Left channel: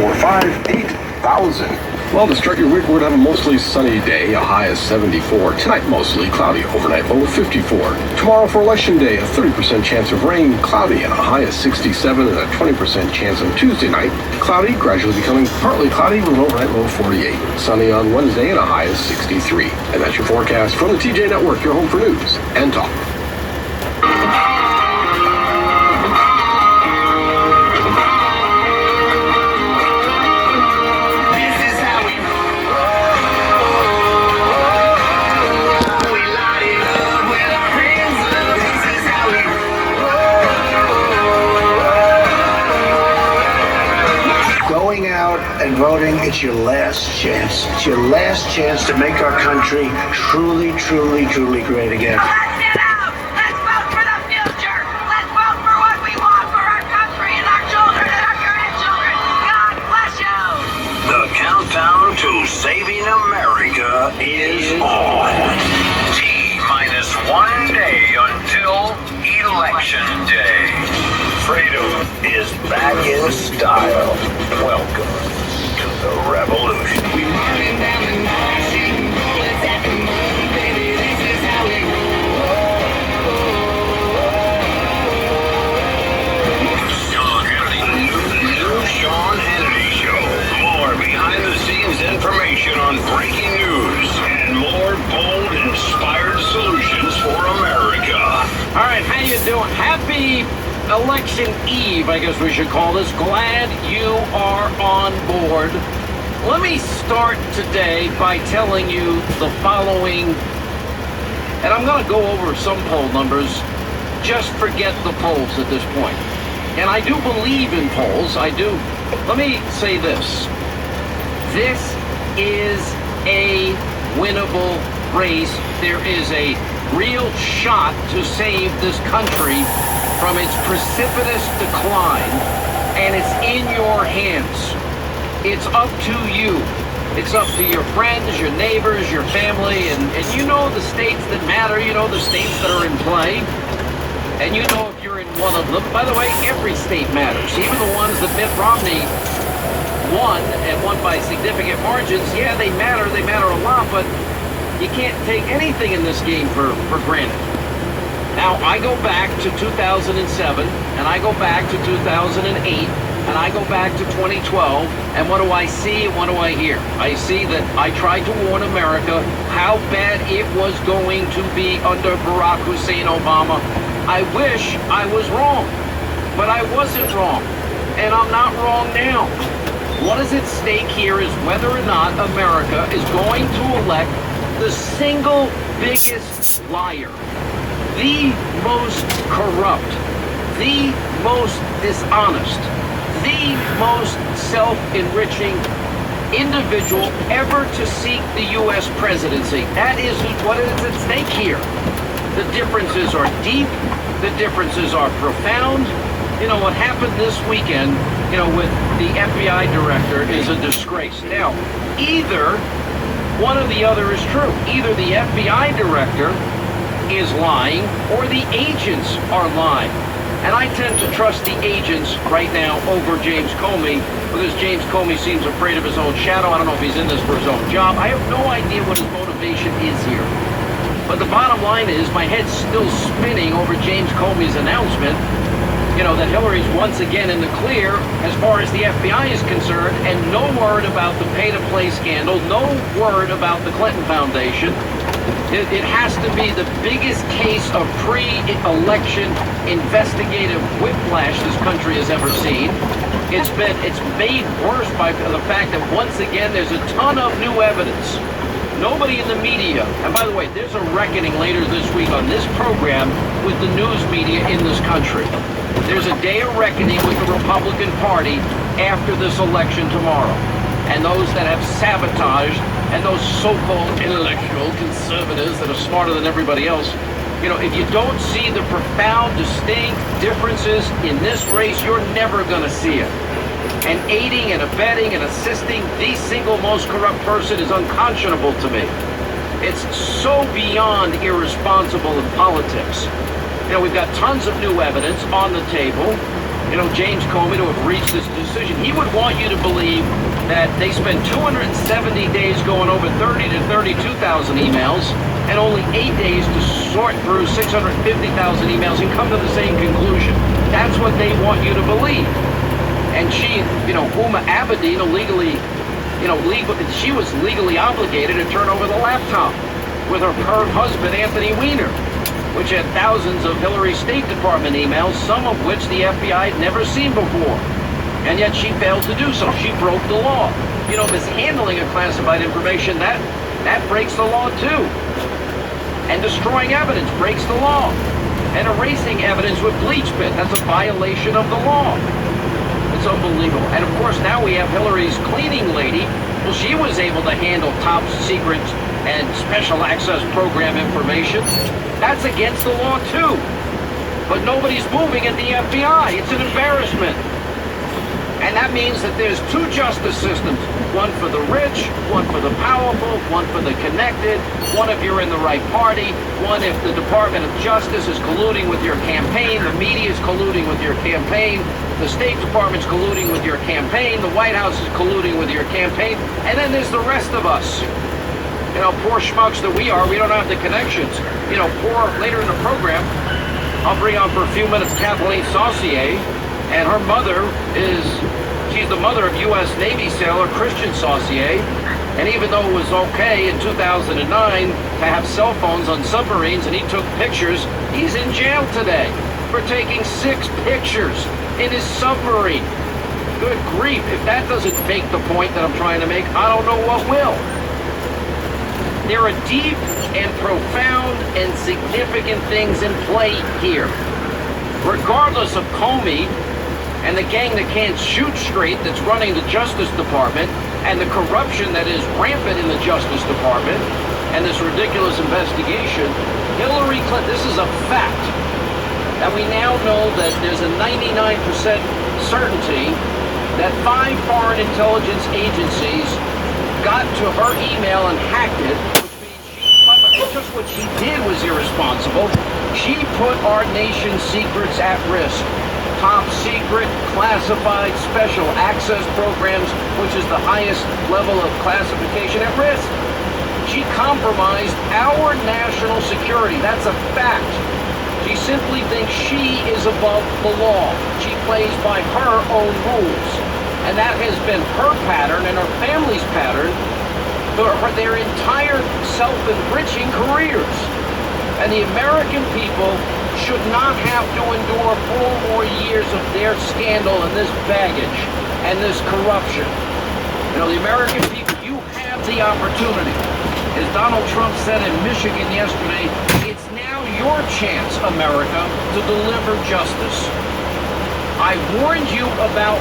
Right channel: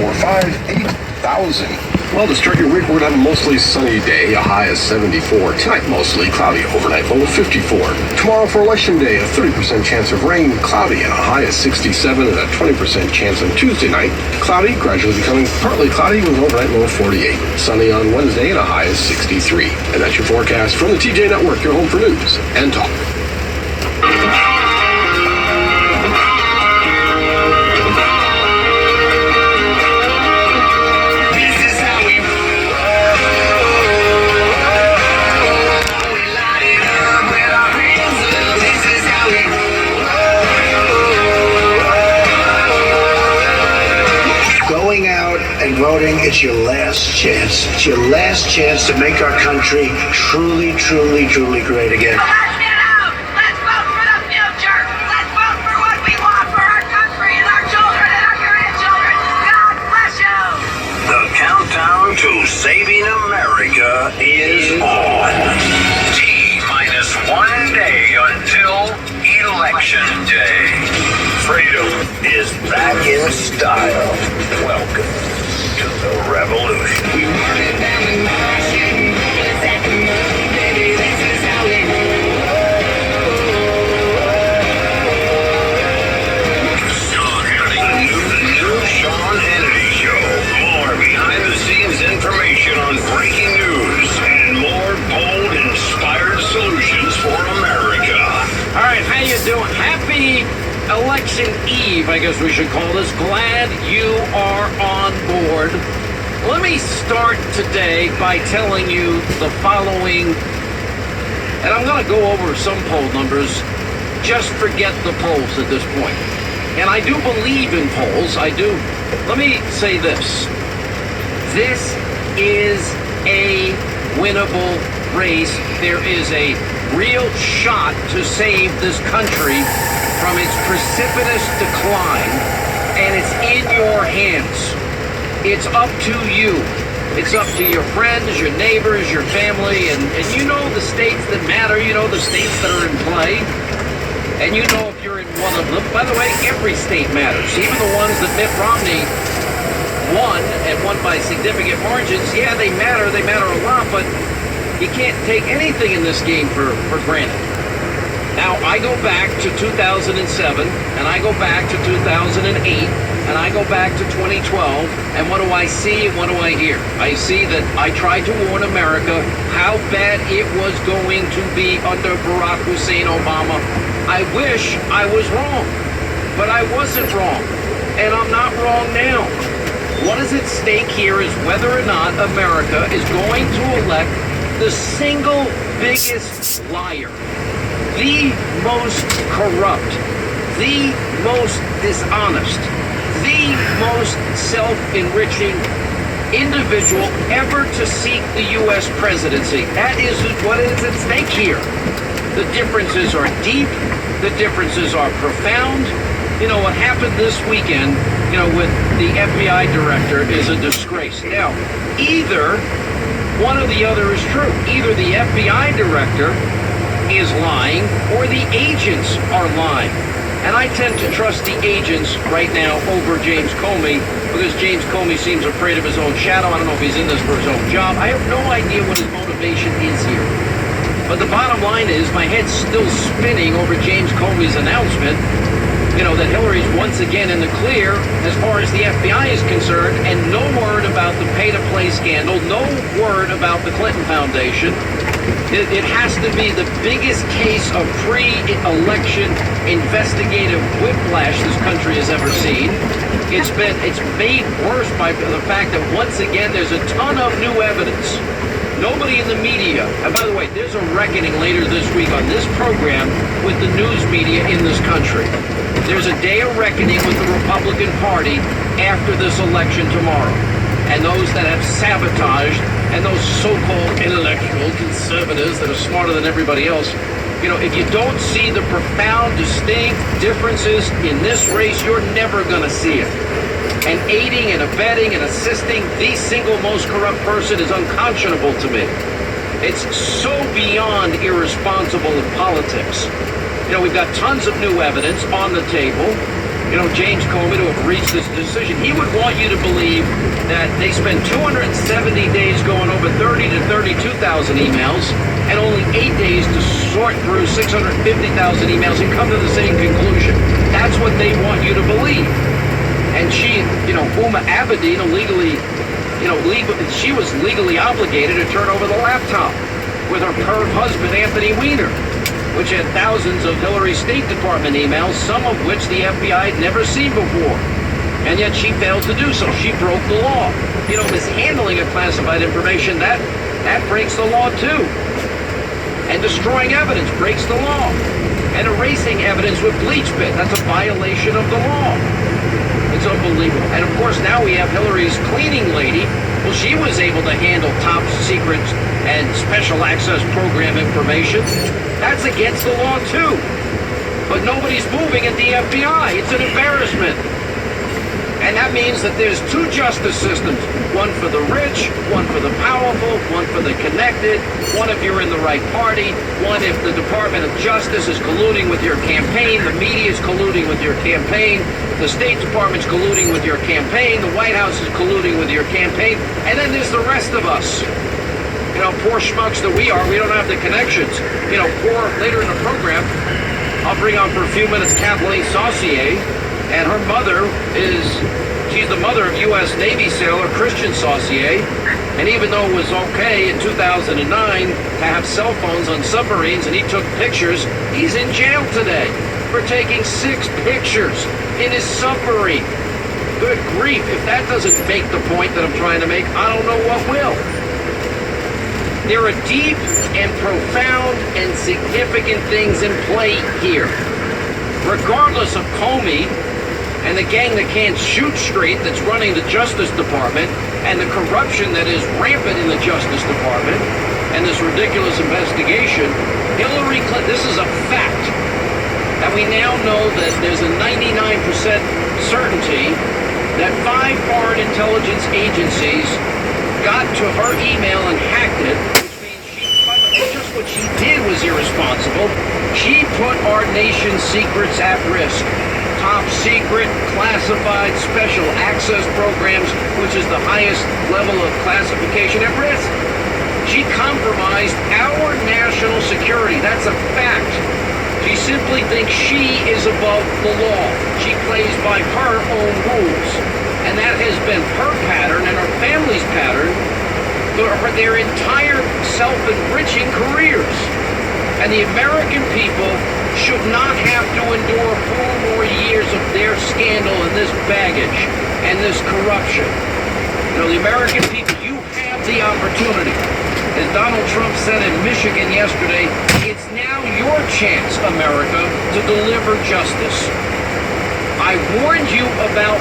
845 8000. Well, to start your week, we're going to have a mostly sunny day, a high of 74. Tonight, mostly cloudy, overnight low of 54. Tomorrow for Election Day, a 30% chance of rain, cloudy, and a high of 67, and a 20% chance on Tuesday night. Cloudy, gradually becoming partly cloudy with an overnight low of 48. Sunny on Wednesday and a high of 63. And that's your forecast from the TJ Network, your home for news and talk. Going out and voting, it's your last chance. It's your last chance to make our country truly, truly, truly great again. Let's get out! Let's vote for the future! Let's vote for what we want for our country and our children and our grandchildren! God bless you! The countdown to saving America is on. T-minus 1 day until Election Day. Freedom is back in style. Welcome to the revolution. We burning down the nation. It's at the money, baby. This is how we Sean Hannity. The new Sean Hannity Show. More behind-the-scenes information on breaking news and more bold, inspired solutions for America. All right, how you doing? Happy Election Eve, I guess we should call this. Glad you are on board. Let me start today by telling you the following, and I'm going to go over some poll numbers. Just forget the polls at this point. And I do believe in polls, I do. Let me say this. This is a winnable race. There is a real shot to save this country from its precipitous decline, and it's in your hands. It's up to you. It's up to your friends, your neighbors, your family, and you know the states that matter, you know the states that are in play, and you know if you're in one of them. By the way, every state matters, even the ones that Mitt Romney won, and won by significant margins. Yeah, they matter a lot, but you can't take anything in this game for granted. Now, I go back to 2007, and I go back to 2008, and I go back to 2012, and what do I see and what do I hear? I see that I tried to warn America how bad it was going to be under Barack Hussein Obama. I wish I was wrong, but I wasn't wrong, and I'm not wrong now. What is at stake here is whether or not America is going to elect the single biggest liar, the most corrupt, the most dishonest, the most self-enriching individual ever to seek the U.S. presidency. That is what is at stake here. The differences are deep. The differences are profound. You know, what happened this weekend, you know, with the FBI director is a disgrace. Now, either one or the other is true. Either the FBI director is lying or the agents are lying. And I tend to trust the agents right now over James Comey because James Comey seems afraid of his own shadow. I don't know if he's in this for his own job. I have no idea what his motivation is here. But the bottom line is my head's still spinning over James Comey's announcement, you know, that Hillary's once again in the clear as far as the FBI is concerned, and no word about the pay-to-play scandal, no word about the Clinton Foundation. It has to be the biggest case of pre-election investigative whiplash this country has ever seen. It's made worse by the fact that once again there's a ton of new evidence. Nobody in the media, and by the way, there's a reckoning later this week on this program with the news media in this country. There's a day of reckoning with the Republican Party after this election tomorrow. And those that have sabotaged, and those so-called intellectual conservatives that are smarter than everybody else. You know, if you don't see the profound, distinct differences in this race, you're never going to see it. And aiding and abetting and assisting the single most corrupt person is unconscionable to me. It's so beyond irresponsible in politics. You know, we've got tons of new evidence on the table. James Comey to have reached this decision. He would want you to believe that they spend 270 days going over 30 to 32,000 emails and only 8 days to sort through 650,000 emails and come to the same conclusion. That's what they want you to believe. And she, Huma Abedin, she was legally obligated to turn over the laptop with her current husband, Anthony Weiner, which had thousands of Hillary State Department emails, some of which the FBI had never seen before. And yet she failed to do so. She broke the law. Mishandling of classified information, that breaks the law too. And destroying evidence breaks the law. And erasing evidence with bleach bit, that's a violation of the law. It's unbelievable. And of course now we have Hillary's cleaning lady. Well, she was able to handle top secret and special access program information. That's against the law too. But nobody's moving at the FBI. It's an embarrassment. And that means that there's two justice systems. One for the rich, one for the powerful, one for the connected, one if you're in the right party, one if the Department of Justice is colluding with your campaign, the media is colluding with your campaign, the State Department's colluding with your campaign, the White House is colluding with your campaign, and then there's the rest of us. Poor schmucks that we are, we don't have the connections. Later in the program, I'll bring on for a few minutes Kathleen Saucier, and her mother she's the mother of U.S. Navy sailor Christian Saucier, and even though it was okay in 2009 to have cell phones on submarines and he took pictures, he's in jail today for taking 6 pictures in his submarine. Good grief, if that doesn't make the point that I'm trying to make, I don't know what will. There are deep and profound and significant things in play here. Regardless of Comey and the gang that can't shoot straight that's running the Justice Department and the corruption that is rampant in the Justice Department and this ridiculous investigation, Hillary Clinton, this is a fact. And we now know that there's a 99% certainty that 5 foreign intelligence agencies got to her email and hacked it, which means just what she did was irresponsible. She put our nation's secrets at risk. Top secret, classified, special access programs, which is the highest level of classification, at risk. She compromised our national security. That's a fact. She simply thinks she is above the law. She plays by her own rules. And that has been her pattern and her family's pattern for their entire self-enriching careers. And the American people should not have to endure 4 more years of their scandal and this baggage and this corruption. The American people, you have the opportunity. As Donald Trump said in Michigan yesterday, it's now your chance, America, to deliver justice. I warned you about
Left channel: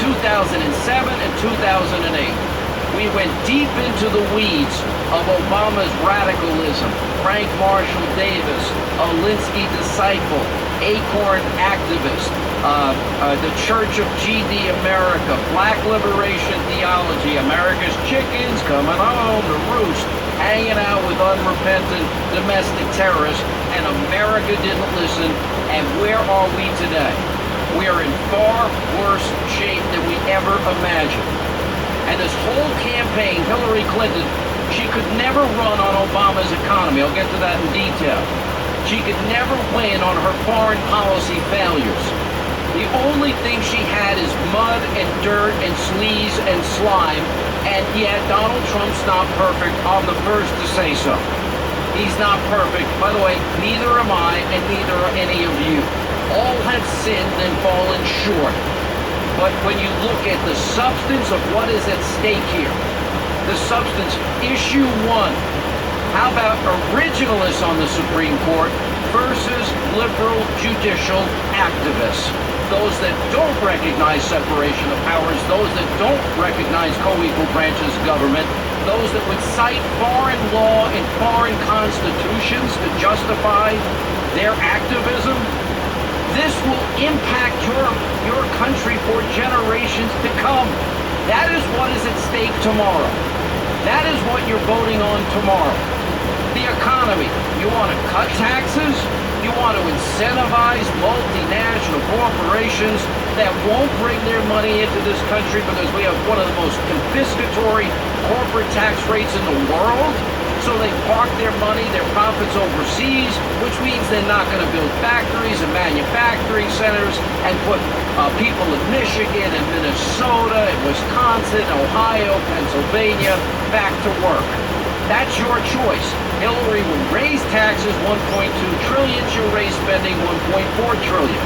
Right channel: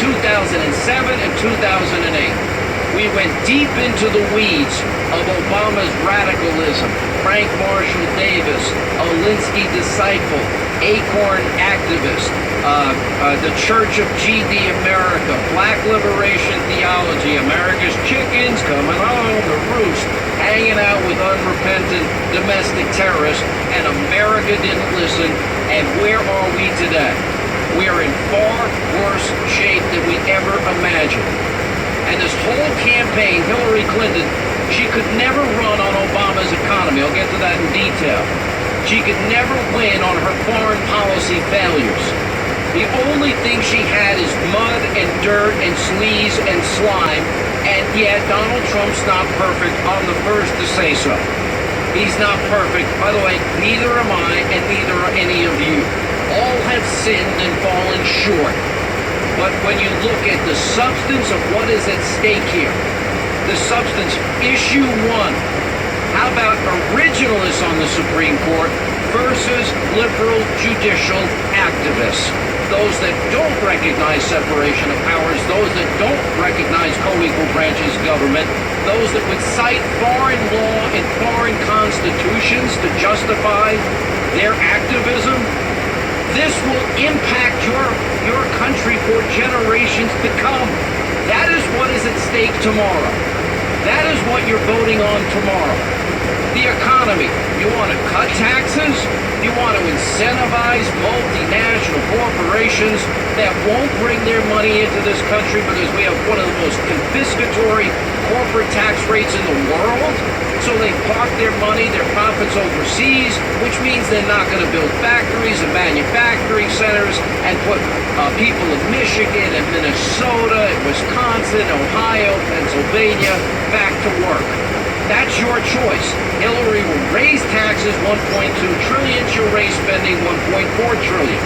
2007 and 2008. We went deep into the weeds of Obama's radicalism, Frank Marshall Davis, a Linsky disciple, Acorn activist, the Church of G.D. America, Black Liberation Theology, America's chickens coming home to roost, hanging out with unrepentant domestic terrorists, and America didn't listen. And where are we today? We are in far worse shape than we ever imagined. And this whole campaign, Hillary Clinton, she could never run on Obama's economy. I'll get to that in detail. She could never win on her foreign policy failures. The only thing she had is mud and dirt and sleaze and slime. And yet Donald Trump's not perfect. I'm the first to say so. He's not perfect. By the way, neither am I, and neither are any of you. All have sinned and fallen short. But when you look at the substance of what is at stake here, the substance, issue 1, how about originalists on the Supreme Court versus liberal judicial activists? Those that don't recognize separation of powers, those that don't recognize co-equal branches of government, those that would cite foreign law and foreign constitutions to justify their activism. This will impact your country for generations to come. That is what is at stake tomorrow. That is what you're voting on tomorrow. The economy. You want to cut taxes? You want to incentivize multinational corporations that won't bring their money into this country because we have one of the most confiscatory corporate tax rates in the world? So they park their money, their profits overseas, which means they're not going to build factories and manufacturing centers and put people in Michigan and Minnesota and Wisconsin, Ohio, Pennsylvania back to work. That's your choice. Hillary will raise taxes 1.2 trillion. She'll raise spending 1.4 trillion.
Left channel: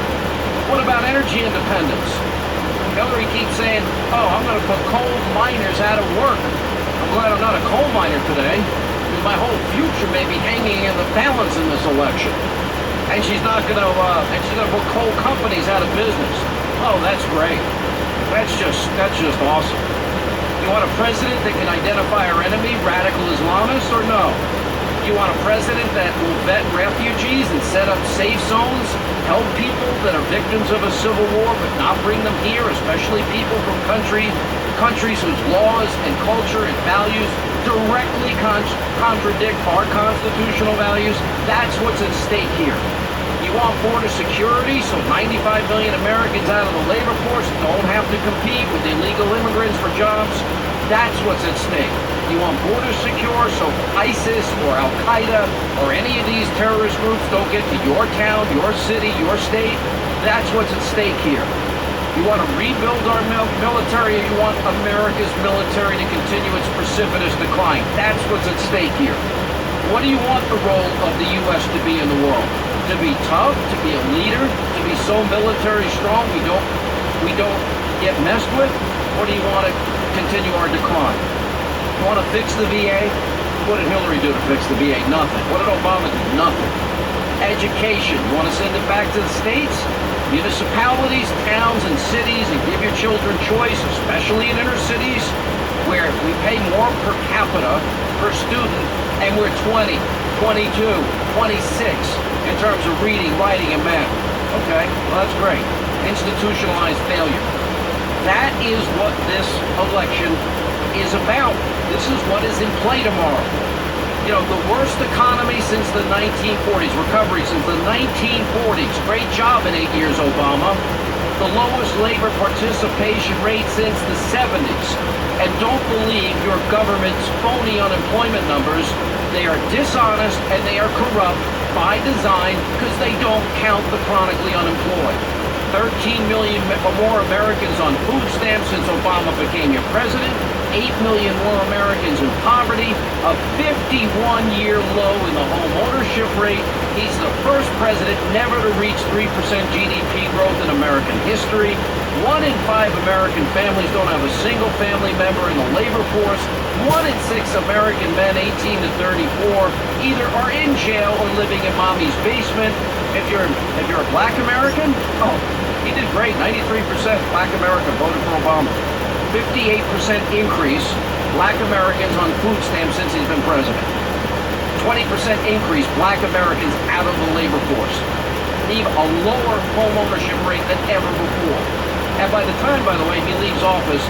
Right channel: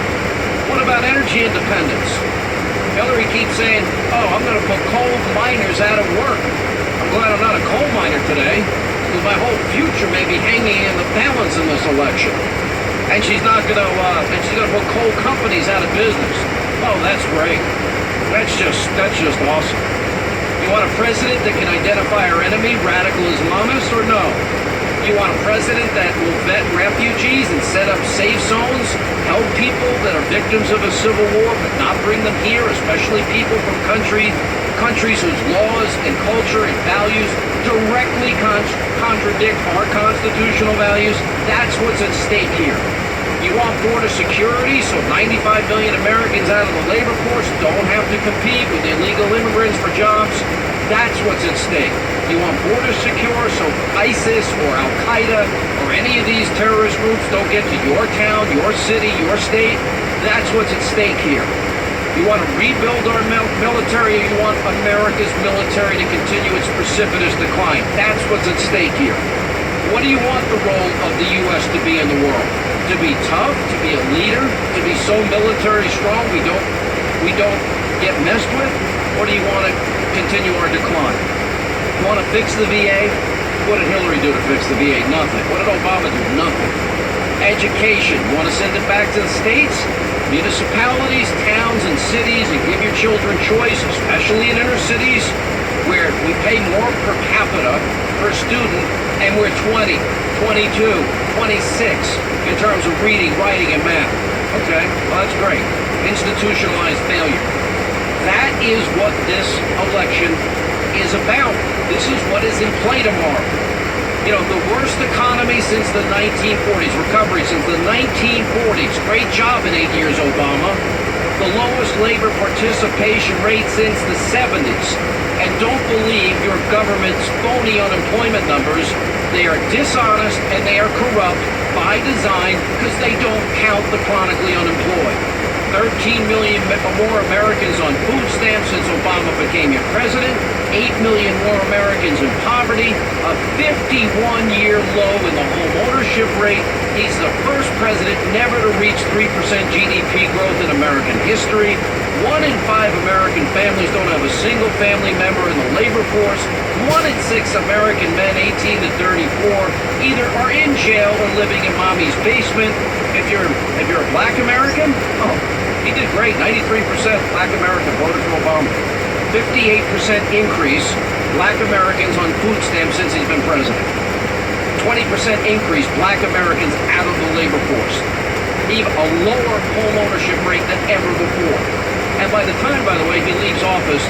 What about energy independence? Hillary keeps saying, oh, I'm going to put coal miners out of work. I'm glad I'm not a coal miner today, because my whole future may be hanging in the balance in this election. And she's not going to, put coal companies out of business. Oh, that's great. That's just awesome. You want a president that can identify our enemy, radical Islamists, or no? You want a president that will vet refugees and set up safe zones, help people that are victims of a civil war, but not bring them here, especially people from countries whose laws and culture and values directly contradict our constitutional values? That's what's at stake here. You want border security so 95 million Americans out of the labor force don't have to compete with illegal immigrants for jobs? That's what's at stake. You want borders secure so ISIS or Al-Qaeda or any of these terrorist groups don't get to your town, your city, your state? That's what's at stake here. You want to rebuild our military, or you want America's military to continue its precipitous decline? That's what's at stake here. What do you want the role of the U.S. to be in the world? To be tough, to be a leader, to be so military strong we don't get messed with? Or do you want to continue our decline? You want to fix the VA? What did Hillary do to fix the VA? Nothing. What did Obama do? Nothing. Education. You want to send it back to the states? Municipalities, towns, and cities, and give your children choice, especially in inner cities, where we pay more per capita per student, and we're 20, 22, 26 in terms of reading, writing, and math. Okay? Well, that's great. Institutionalized failure. That is what this election is about. This is what is in play tomorrow. You know, the worst economy since the 1940s, recovery since the 1940s. Great job in 8 years, Obama. The lowest labor participation rate since the 70s. And don't believe your government's phony unemployment numbers. They are dishonest and they are corrupt by design because they don't count the chronically unemployed. 13 million more Americans on food stamps since Obama became your president. 8 million more Americans in poverty. A 51-year low in the home ownership rate. He's the first president never to reach 3% GDP growth in American history. 1 in 5 American families don't have a single family member in the labor force. 1 in 6 American men 18 to 34 either are in jail or living in mommy's basement. If you're a black American, oh, he did great. 93% black American voted for Obama. 58% increase black Americans on food stamps since he's been president. 20% increase black Americans out of the labor force. Even a lower home ownership rate than ever before. And by the time, by the way, he leaves office,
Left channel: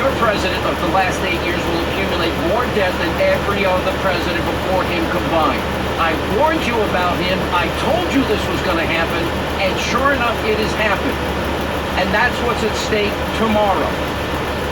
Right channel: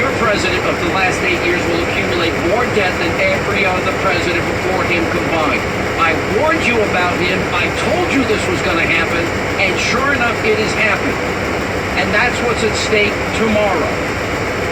your president of the last 8 years will accumulate more debt than every other president before him combined. I warned you about him. I told you this was going to happen. And sure enough, it has happened. And that's what's at stake tomorrow.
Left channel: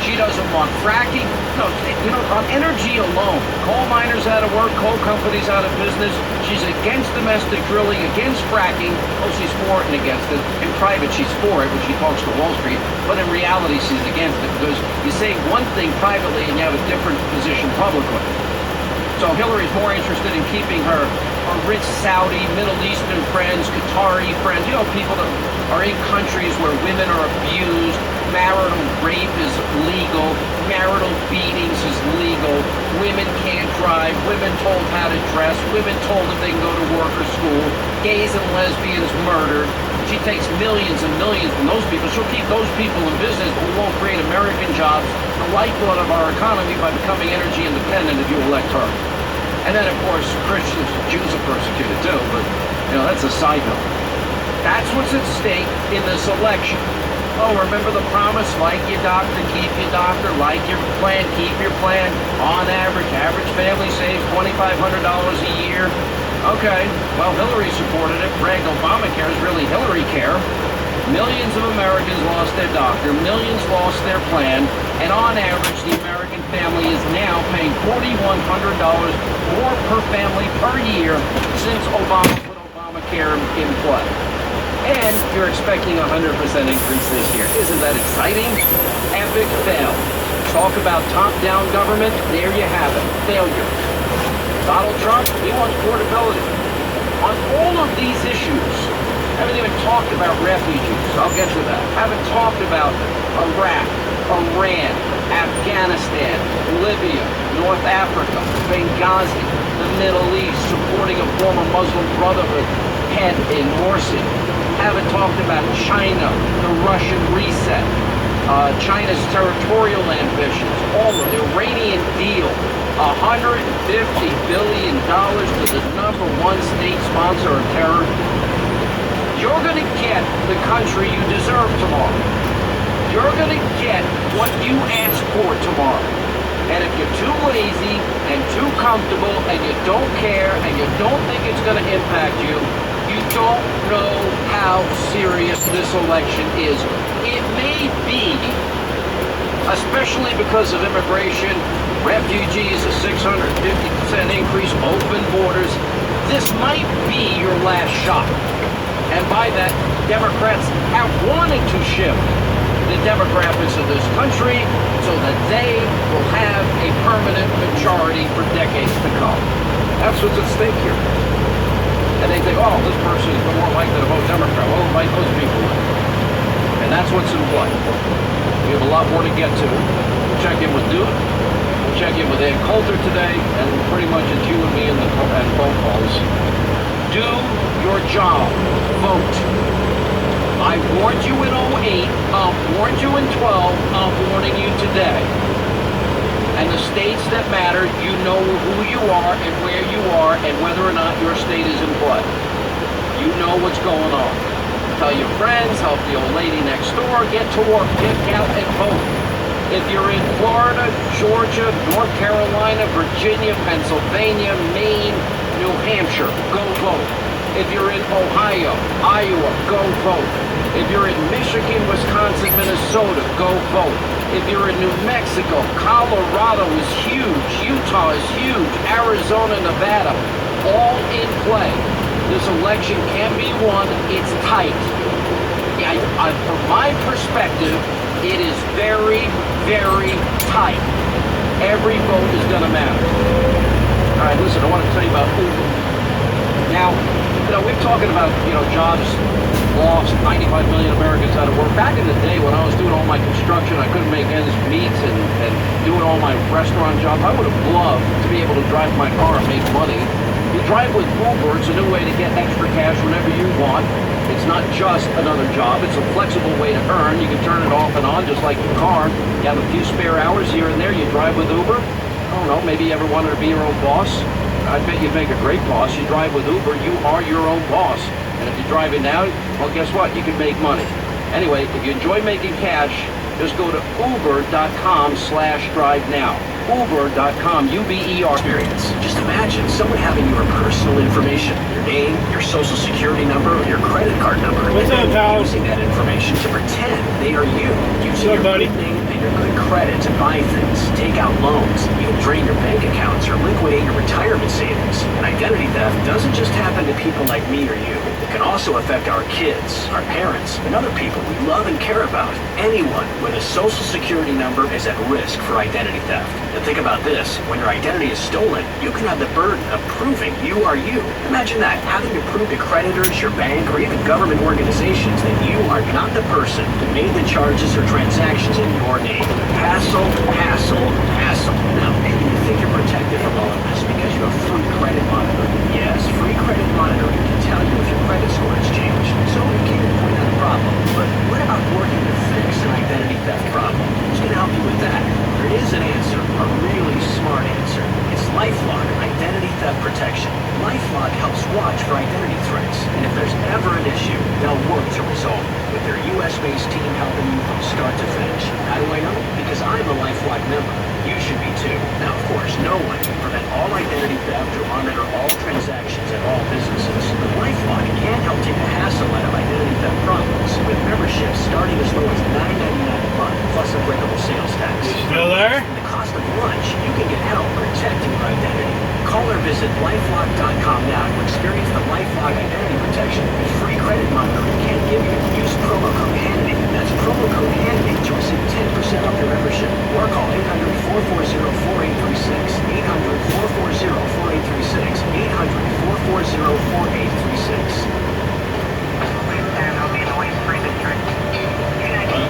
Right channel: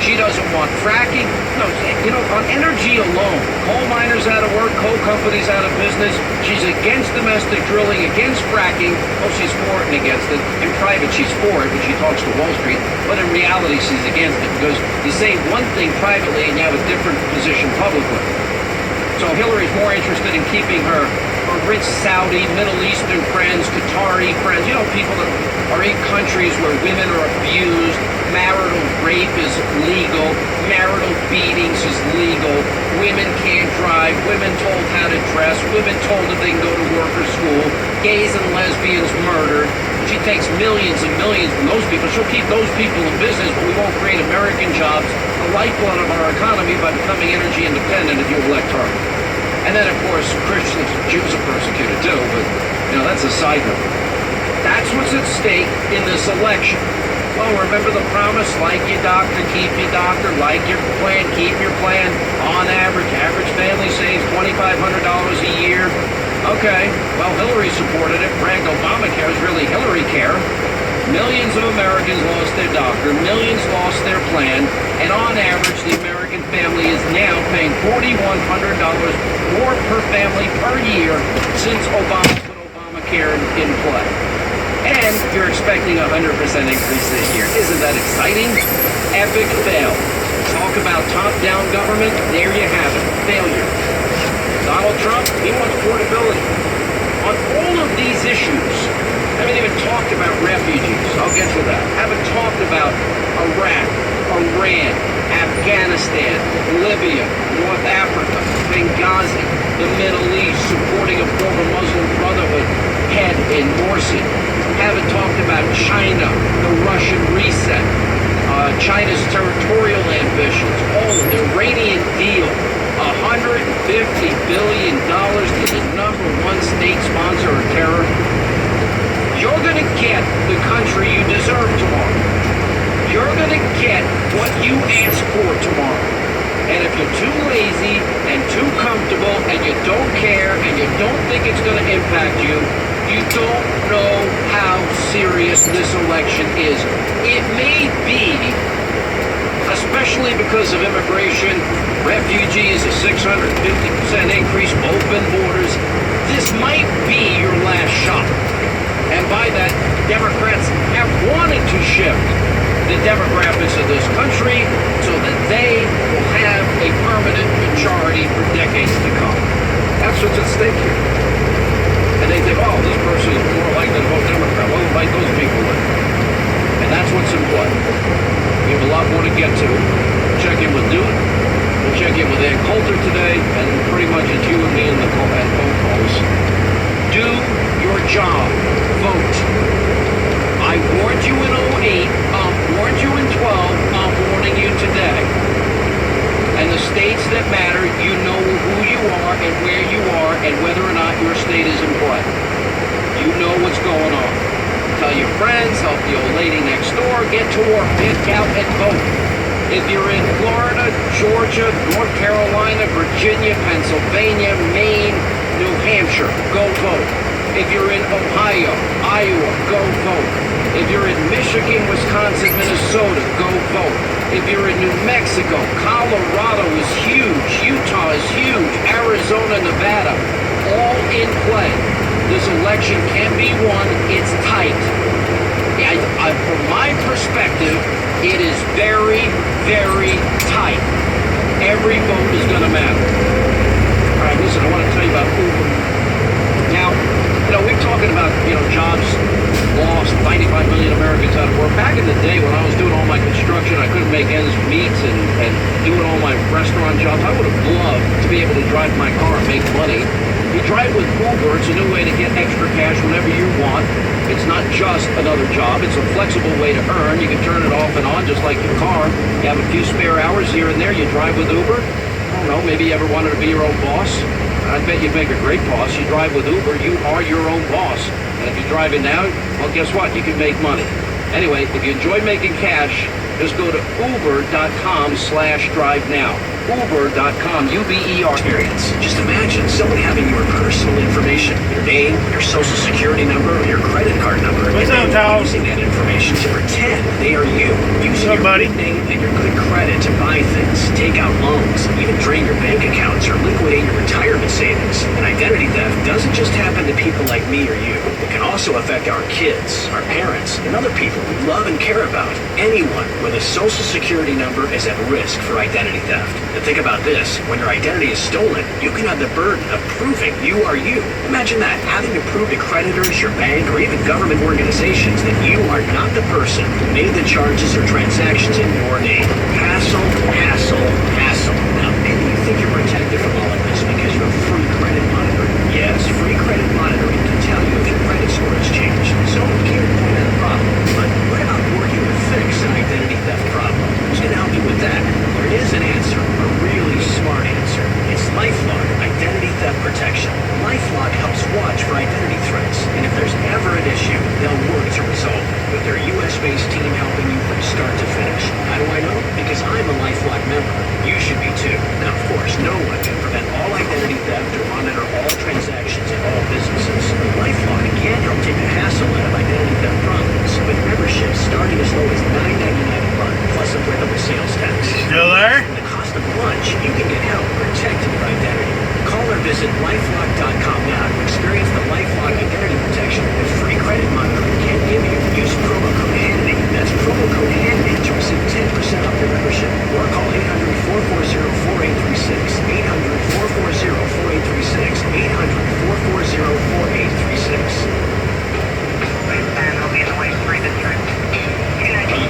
She doesn't want fracking. No, you know, on energy alone, coal miners out of work, coal companies out of business. She's against domestic drilling, against fracking. Oh, she's for it and against it. In private, she's for it when she talks to Wall Street. But in reality, she's against it because you say one thing privately and you have a different position publicly. So Hillary's more interested in keeping her rich Saudi, Middle Eastern friends, Qatari friends, you know, people that are in countries where women are abused, marital rape is legal, marital beatings is legal, women can't drive, women told how to dress, women told if they can go to work or school, gays and lesbians murdered. She takes millions and millions from those people. She'll keep those people in business, but we won't create American jobs, the lifeblood of our economy, by becoming energy independent if you elect her. And then, of course, Christians, Jews are persecuted too, but, you know, that's a side note. That's what's at stake in this election. Oh, remember the promise? Like your doctor, keep your doctor. Like your plan, keep your plan. On average family saves $2,500 a year. Okay, well, Hillary supported it. Bragged Obamacare is really Hillary care. Millions of Americans lost their doctor. Millions lost their plan. And on average, the American family is now paying $4,100 more per family per year since Obama put Obamacare in play. And you're expecting a 100% increase this year. Isn't that exciting? Epic fail. Talk about top-down government. There you have it. Failure. Donald Trump, he wants portability. On all of these issues, I haven't even talked about refugees. I'll get to that. I haven't talked about Iraq, Iran, Afghanistan, Libya, North Africa, Benghazi, the Middle East, supporting a former Muslim Brotherhood head in Morsi. Haven't talked about China, the Russian reset, China's territorial ambitions, all of the Iranian deal, $150 billion to the #1 state sponsor of terror. You're going to get the country you deserve tomorrow. You're going to get what you ask for tomorrow. And if you're too lazy and too comfortable and you don't care and you don't think it's going to impact you, you don't know how serious this election is. It may be, especially because of immigration, refugees, a 650% increase, open borders, this might be your last shot. And by that, Democrats have wanted to shift the demographics of this country so that they will have a permanent majority for decades to come. That's what's at stake here. And they think, oh, this person is more likely to vote Democrat. Well, invite those people in. And that's what's in play. We have a lot more to get to. Check in with Newt. We'll check in with Ann Coulter today. And pretty much it's you and me and phone calls. Do your job. Vote. I warned you in 08. I'll warn you in 12. I'm warning you today. And the states that matter, you know who you are and where you are and whether or not your state is in play. You know what's going on. Tell your friends, help the old lady next door, get to work, get out and vote. If you're in Florida, Georgia, North Carolina, Virginia, Pennsylvania, Maine, New Hampshire, go vote. If you're in Ohio, Iowa, go vote. If you're in Michigan, Wisconsin, Minnesota, go vote. If you're in New Mexico, Colorado is huge, Utah is huge, Arizona, Nevada, all in play. This election can be won. It's tight. From my perspective, it is very, very tight. Every vote is going to matter. All right, listen, I want to tell you about Uber. Now, we're talking about, jobs lost, 95 million Americans out of work. Back in the day when I was doing all my construction, I couldn't make ends meet and doing all my restaurant jobs, I would have loved to be able to drive my car and make money. You drive with Uber, it's a new way to get extra cash whenever you want. It's not just another job, it's a flexible way to earn. You can turn it off and on just like your car. You have a few spare hours here and there, you drive with Uber. I don't know, maybe you ever wanted to be your own boss? I bet you'd make a great boss. You drive with Uber, you are your own boss. And if you're driving now, well, guess what? You can make money. Anyway, if you enjoy making cash, just go to uber.com/drive now. Uber.com, UBER. Experience. Just imagine someone having your personal information, your name, your social security number, or your credit card number, What's and up, then Charles? using that information to pretend they are you, using What's up, your buddy? good name and your good credit to buy things, take out loans, even drain your bank accounts or liquidate your retirement savings. And identity theft doesn't just happen to people like me or you. It can also affect our kids, our parents, and other people we love and care about. Anyone with a social security number is at risk for identity theft. And think about this, when your identity is stolen, you can have the burden of proving you are you. Imagine that, having to prove to creditors, your bank, or even government organizations that you are not the person who made the charges or transactions in your name. Hassle, hassle, hassle. Now, maybe you think you're protected from all of this because you have free credit monitoring. Yes, free credit monitoring can tell you if your credit score has changed, so keep an eye on the problem. But what about working to fix an identity theft problem? Who's going to help you with that? There is an answer, a really smart answer. It's LifeLock Identity Theft Protection. LifeLock helps watch for identity threats, and if there's ever an issue, they'll work to resolve it. With their U.S.-based team helping you member, you should be too. Now, of course, no one can prevent all identity theft or monitor all transactions at all businesses. But LifeLock can help take the hassle out of identity theft problems with memberships starting as low as $9.99 a month plus applicable sales tax. Still there? For the cost of lunch, you can get help protecting your identity. Call or visit lifelock.com now to experience the LifeLock identity protection that free credit monitoring can give you. Use promo code Hannity. That's promo code Hannity to receive 10% off your membership. Or call 800-440-4836. 800-440-4836. 800-440-4836.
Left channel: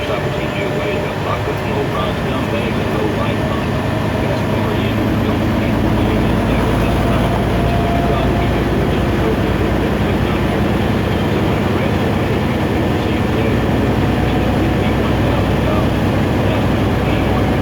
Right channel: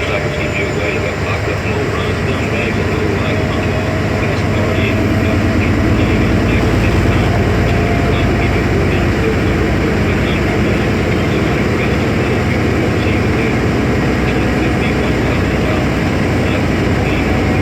Stoppers keep you away about locked with no runs, dumb bags, and no life money. Because party in the dump, people living in there at this time. So you come, keep your word down, so number, but not more than that. So when the rest of it, you will see you there. And it could be $1,000. That would be more.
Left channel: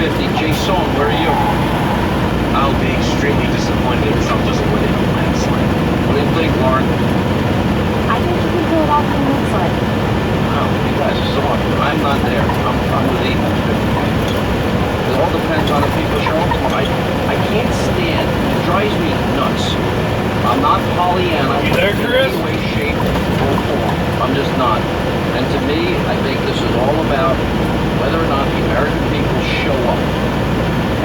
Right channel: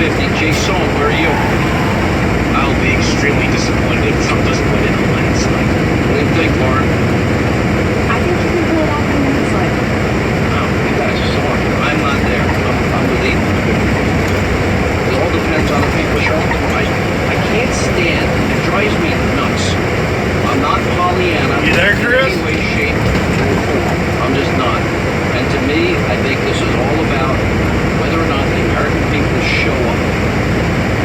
50. Jason, where are you? I'll be extremely disappointed if Trump doesn't win in a landslide. What do you think, Lauren? I think you can pull it off in a landslide. Oh, you guys are so lucky. I'm not there. I'm with Ethan. It all depends on the people show up. I can't stand. It drives me nuts. I'm not Pollyanna. You there, Chris? In any way, shape, or form. I'm just not. And to me, I think this is all about whether or not the American people show up.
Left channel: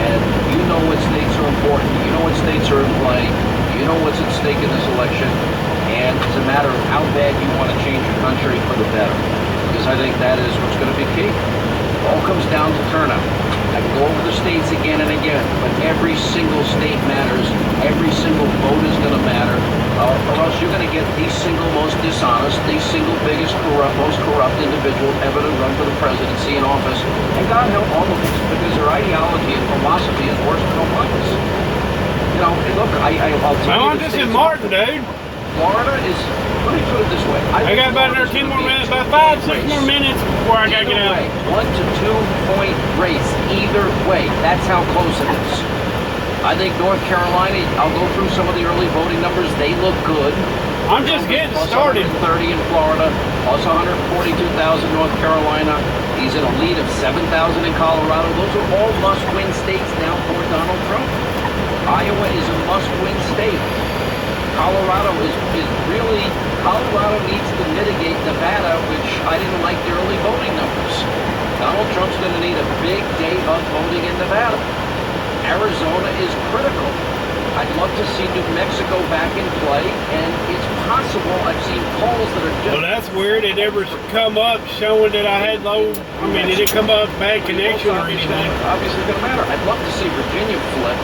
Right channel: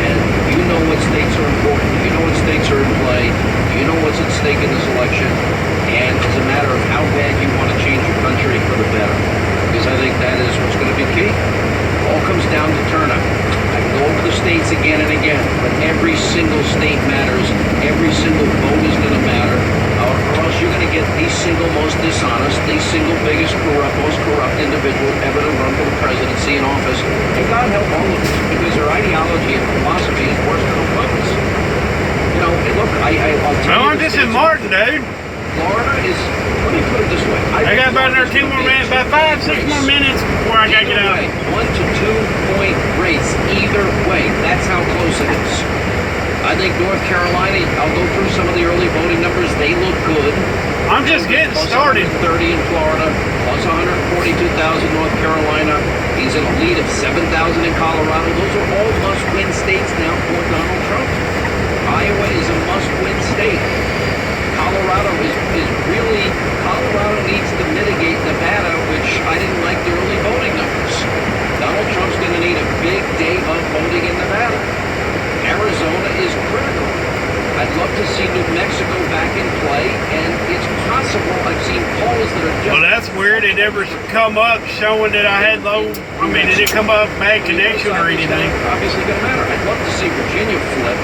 And you know what states are important. You know what states are in play. You know what's at stake in this election. And it's a matter of how bad you want to change your country for the better. Because I think that is what's going to be key. It all comes down to turnout. I can go over the states again and again, but every single state matters. Every single vote is going to matter. Or else you're going to get the single most dishonest, the single biggest most corrupt individual ever to run for the presidency in office. And God help all of us, because their ideology and philosophy is worse than Obama's. You know, and look, I'll tell you. I'm just in Martin, dude. Florida is, let me put it this way. I got about another 10 more minutes, about 5, 6 more minutes before I gotta get up. 1 to 2 point race, either way. That's how close it is. I think North Carolina, I'll go through some of the early voting numbers. They look good. I'm just getting Plus started. 130 in Florida, plus 142,000 North Carolina. He's in a lead of 7,000 in Colorado. Those are all must-win states now for Donald Trump. Iowa is a must-win state. Colorado needs to mitigate Nevada, which I didn't like the early voting numbers. Donald Trump's going to need a big day of voting in Nevada. Arizona is critical. I'd love to see New Mexico back in play, and it's possible. I've seen polls that are Well, that's weird. It never come up showing that I had low. I mean, did it come up bad connection or anything? Obviously going to matter. I'd love to see Virginia flip.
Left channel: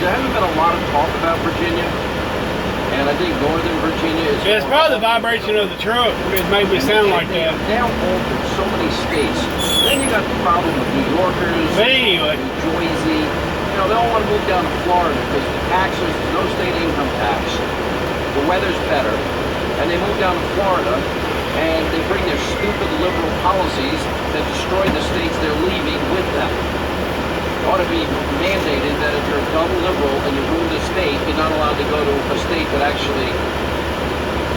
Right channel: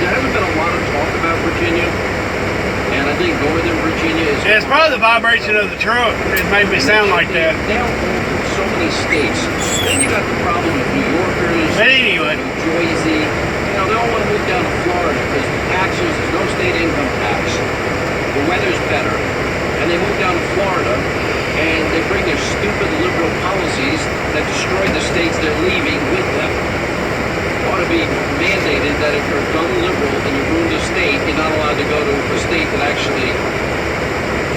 There hasn't been a lot of talk about Virginia. And I think Northern Virginia is... Yeah, it's probably the vibration of the truck. It made me sound like that. Now in so many states. Then you got the problem with New Yorkers, But anyway. New Jersey. You know, they all want to move down to Florida because the taxes, there's no state income tax. The weather's better. And they move down to Florida, and they bring their stupid liberal policies that destroy the states they're leaving with them. Ought to be mandated that if you're a dumb liberal and you ruined a state, you're not allowed to go to a state that actually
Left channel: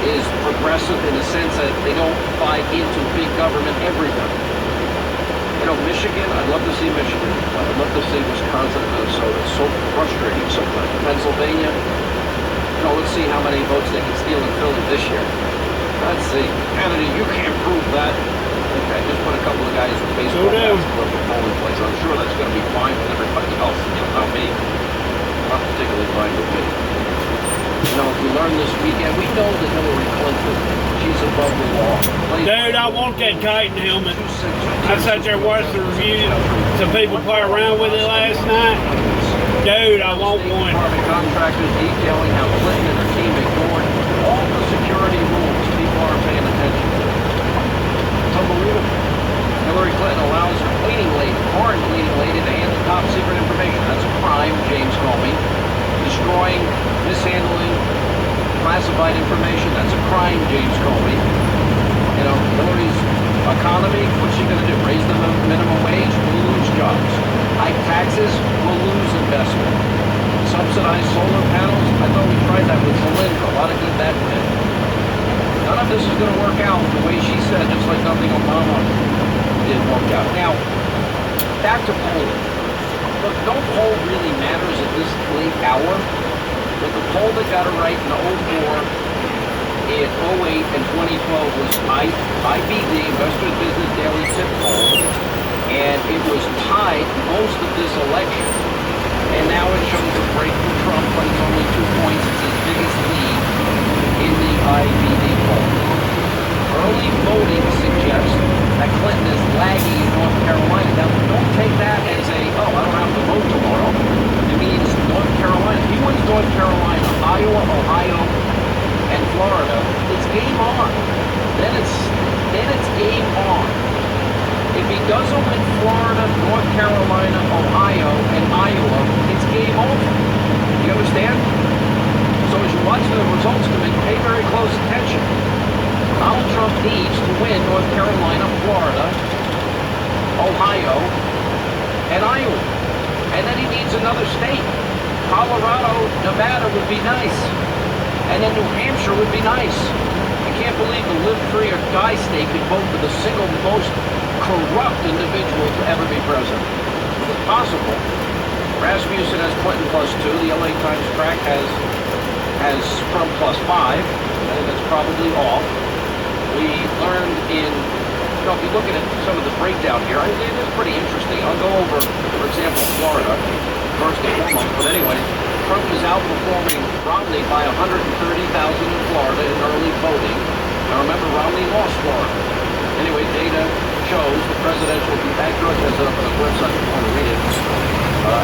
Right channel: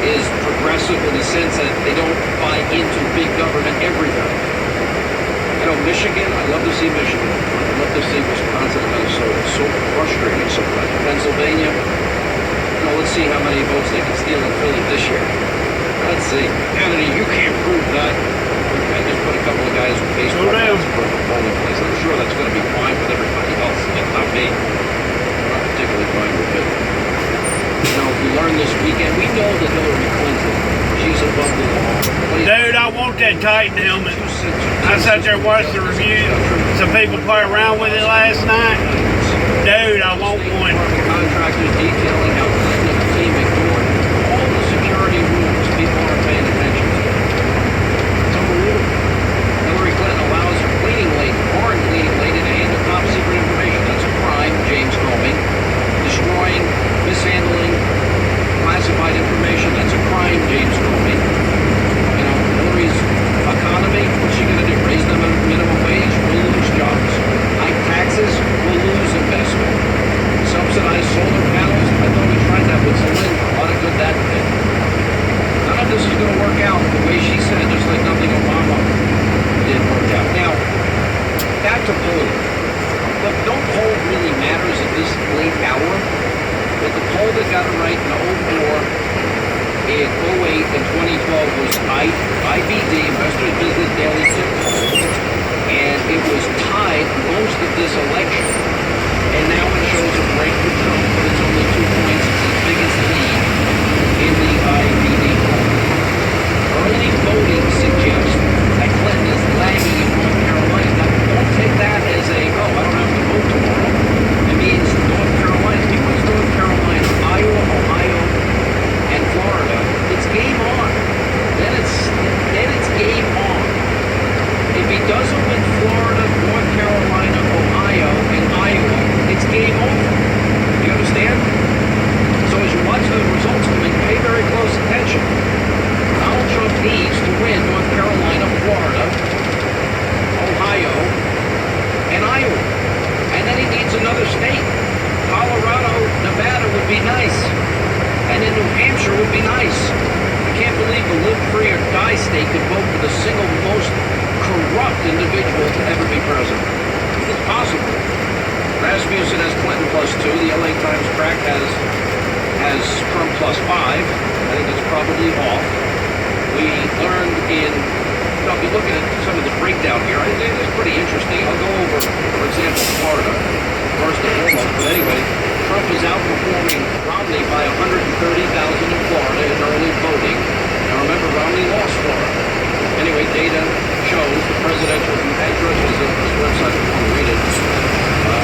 is progressive in the sense that they don't buy into big government everything. You know, Michigan, I'd love to see Michigan. I'd love to see Wisconsin and Minnesota. It's so frustrating sometimes. Pennsylvania, you know, let's see how many votes they can steal in Philly this year. Let's see. Kennedy, you can't prove that. I just put a couple of guys with baseball bats in front of a polling place. I'm sure that's going to be fine with everybody else. Not me. Not particularly fine with me. You know, we learned this weekend. We know that Hillary Clinton, she's above the law. Dude, I want that Titan helmet. I sat there and watched the review. Some people play around with it last night. Dude, I want one. Contractors detailing how Clinton and her team ignored all the security rules. People aren't paying attention to. It's unbelievable. Hillary Clinton allows her foreign cleaning lady to handle top secret information. That's a crime, James Comey. Destroying, mishandling classified information. That's a crime, James Comey. You know, Hillary's economy, what's she going to do? Raise the minimum wage? We'll lose jobs. Hike taxes? We'll lose investment. Subsidized solar panels? I thought we tried that with Zelenka. A lot of good that did. None of this is going to work out the way she said, just like nothing Obama did work out. Now, back to polling. Look, no poll really matters at this late hour, but the poll that got it right in 04, in 08, and 2012 was IBD, Western Business Daily Tip Poll, and it was tied most of this election. And now it shows a break for Trump, but it's only 2 points. It's his biggest lead in the IBD poll. Early voting suggests that Clinton is lagging in North Carolina. Now, don't take that as I don't have to vote tomorrow. It means North Carolina. If he wins North Carolina, Iowa, Ohio, and Florida, it's game on. Then it's game on. If he doesn't win Florida, North Carolina, Ohio, and Iowa, another state. Colorado, Nevada would be nice. And then New Hampshire would be nice. I can't believe the live free or die state could vote for the single most corrupt individual to ever be president. It's possible. Rasmussen has Clinton +2. The LA Times crack has Trump +5. I think it's probably off. We learned if you look at some of the breakdown here, I think it's pretty interesting. I'll go over, for example, Florida, first and foremost. But anyway, Trump is outperforming Romney by 130,000 in Florida in early voting. Now remember, Romney lost Florida. Anyway, data shows the presidential, George has a website if you want to read it,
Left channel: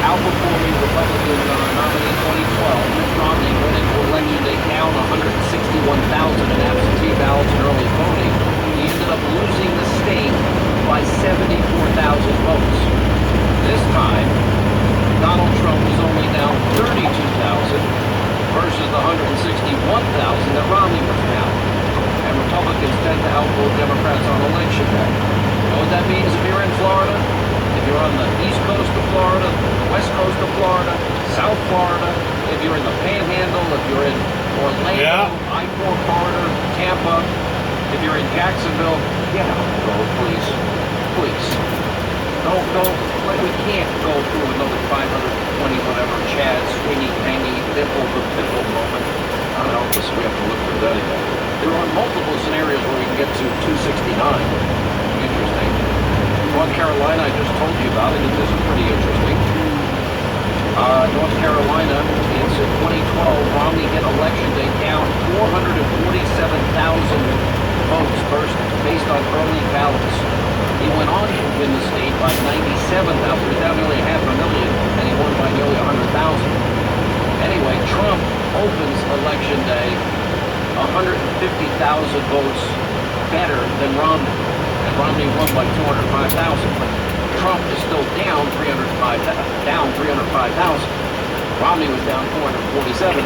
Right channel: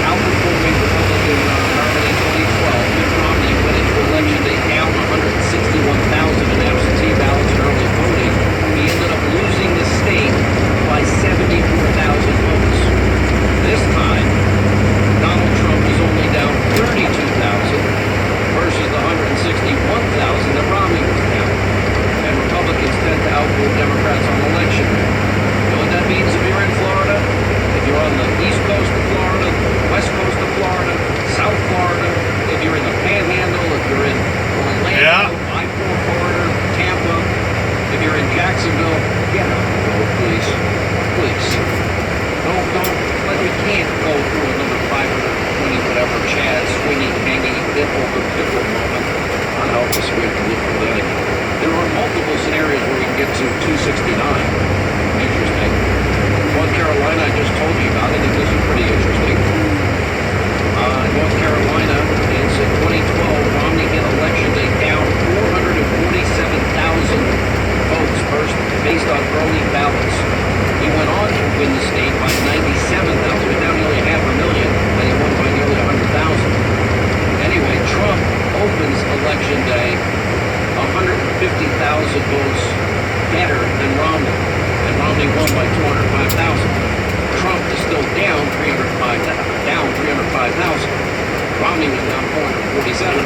outperforming Republican nominee 2012, Mitt Romney went into election day down 161,000 in absentee ballots in early voting. He ended up losing the state by 74,000 votes. This time, Donald Trump was only down 32,000 versus the 161,000 that Romney was down. And Republicans tend to outvote Democrats on election day. You know what that means if you're in Florida? If you're on the east coast of Florida, west coast of Florida, South Florida, if you're in the Panhandle, if you're in Orlando, I-4 corridor, Tampa, if you're in Jacksonville, get out the vote, please. Please. Don't, like we can't go through another 520 whatever Chad swinging, hanging, dimple the pickle moment. Unhelp us, we have to look for that again. There are multiple scenarios where we can get to 269. Interesting. North Carolina, I just told you about it, and this is pretty interesting. North Carolina, it's 2012, Romney hit election day down 447,000 votes first based on early ballots. He went on to win the state by 97,000, down nearly 500,000, and he won by nearly 100,000. Anyway, Trump opens election day 150,000 votes better than Romney, and Romney won by 205,000. Trump is still down 305,000. Romney was down 447,000,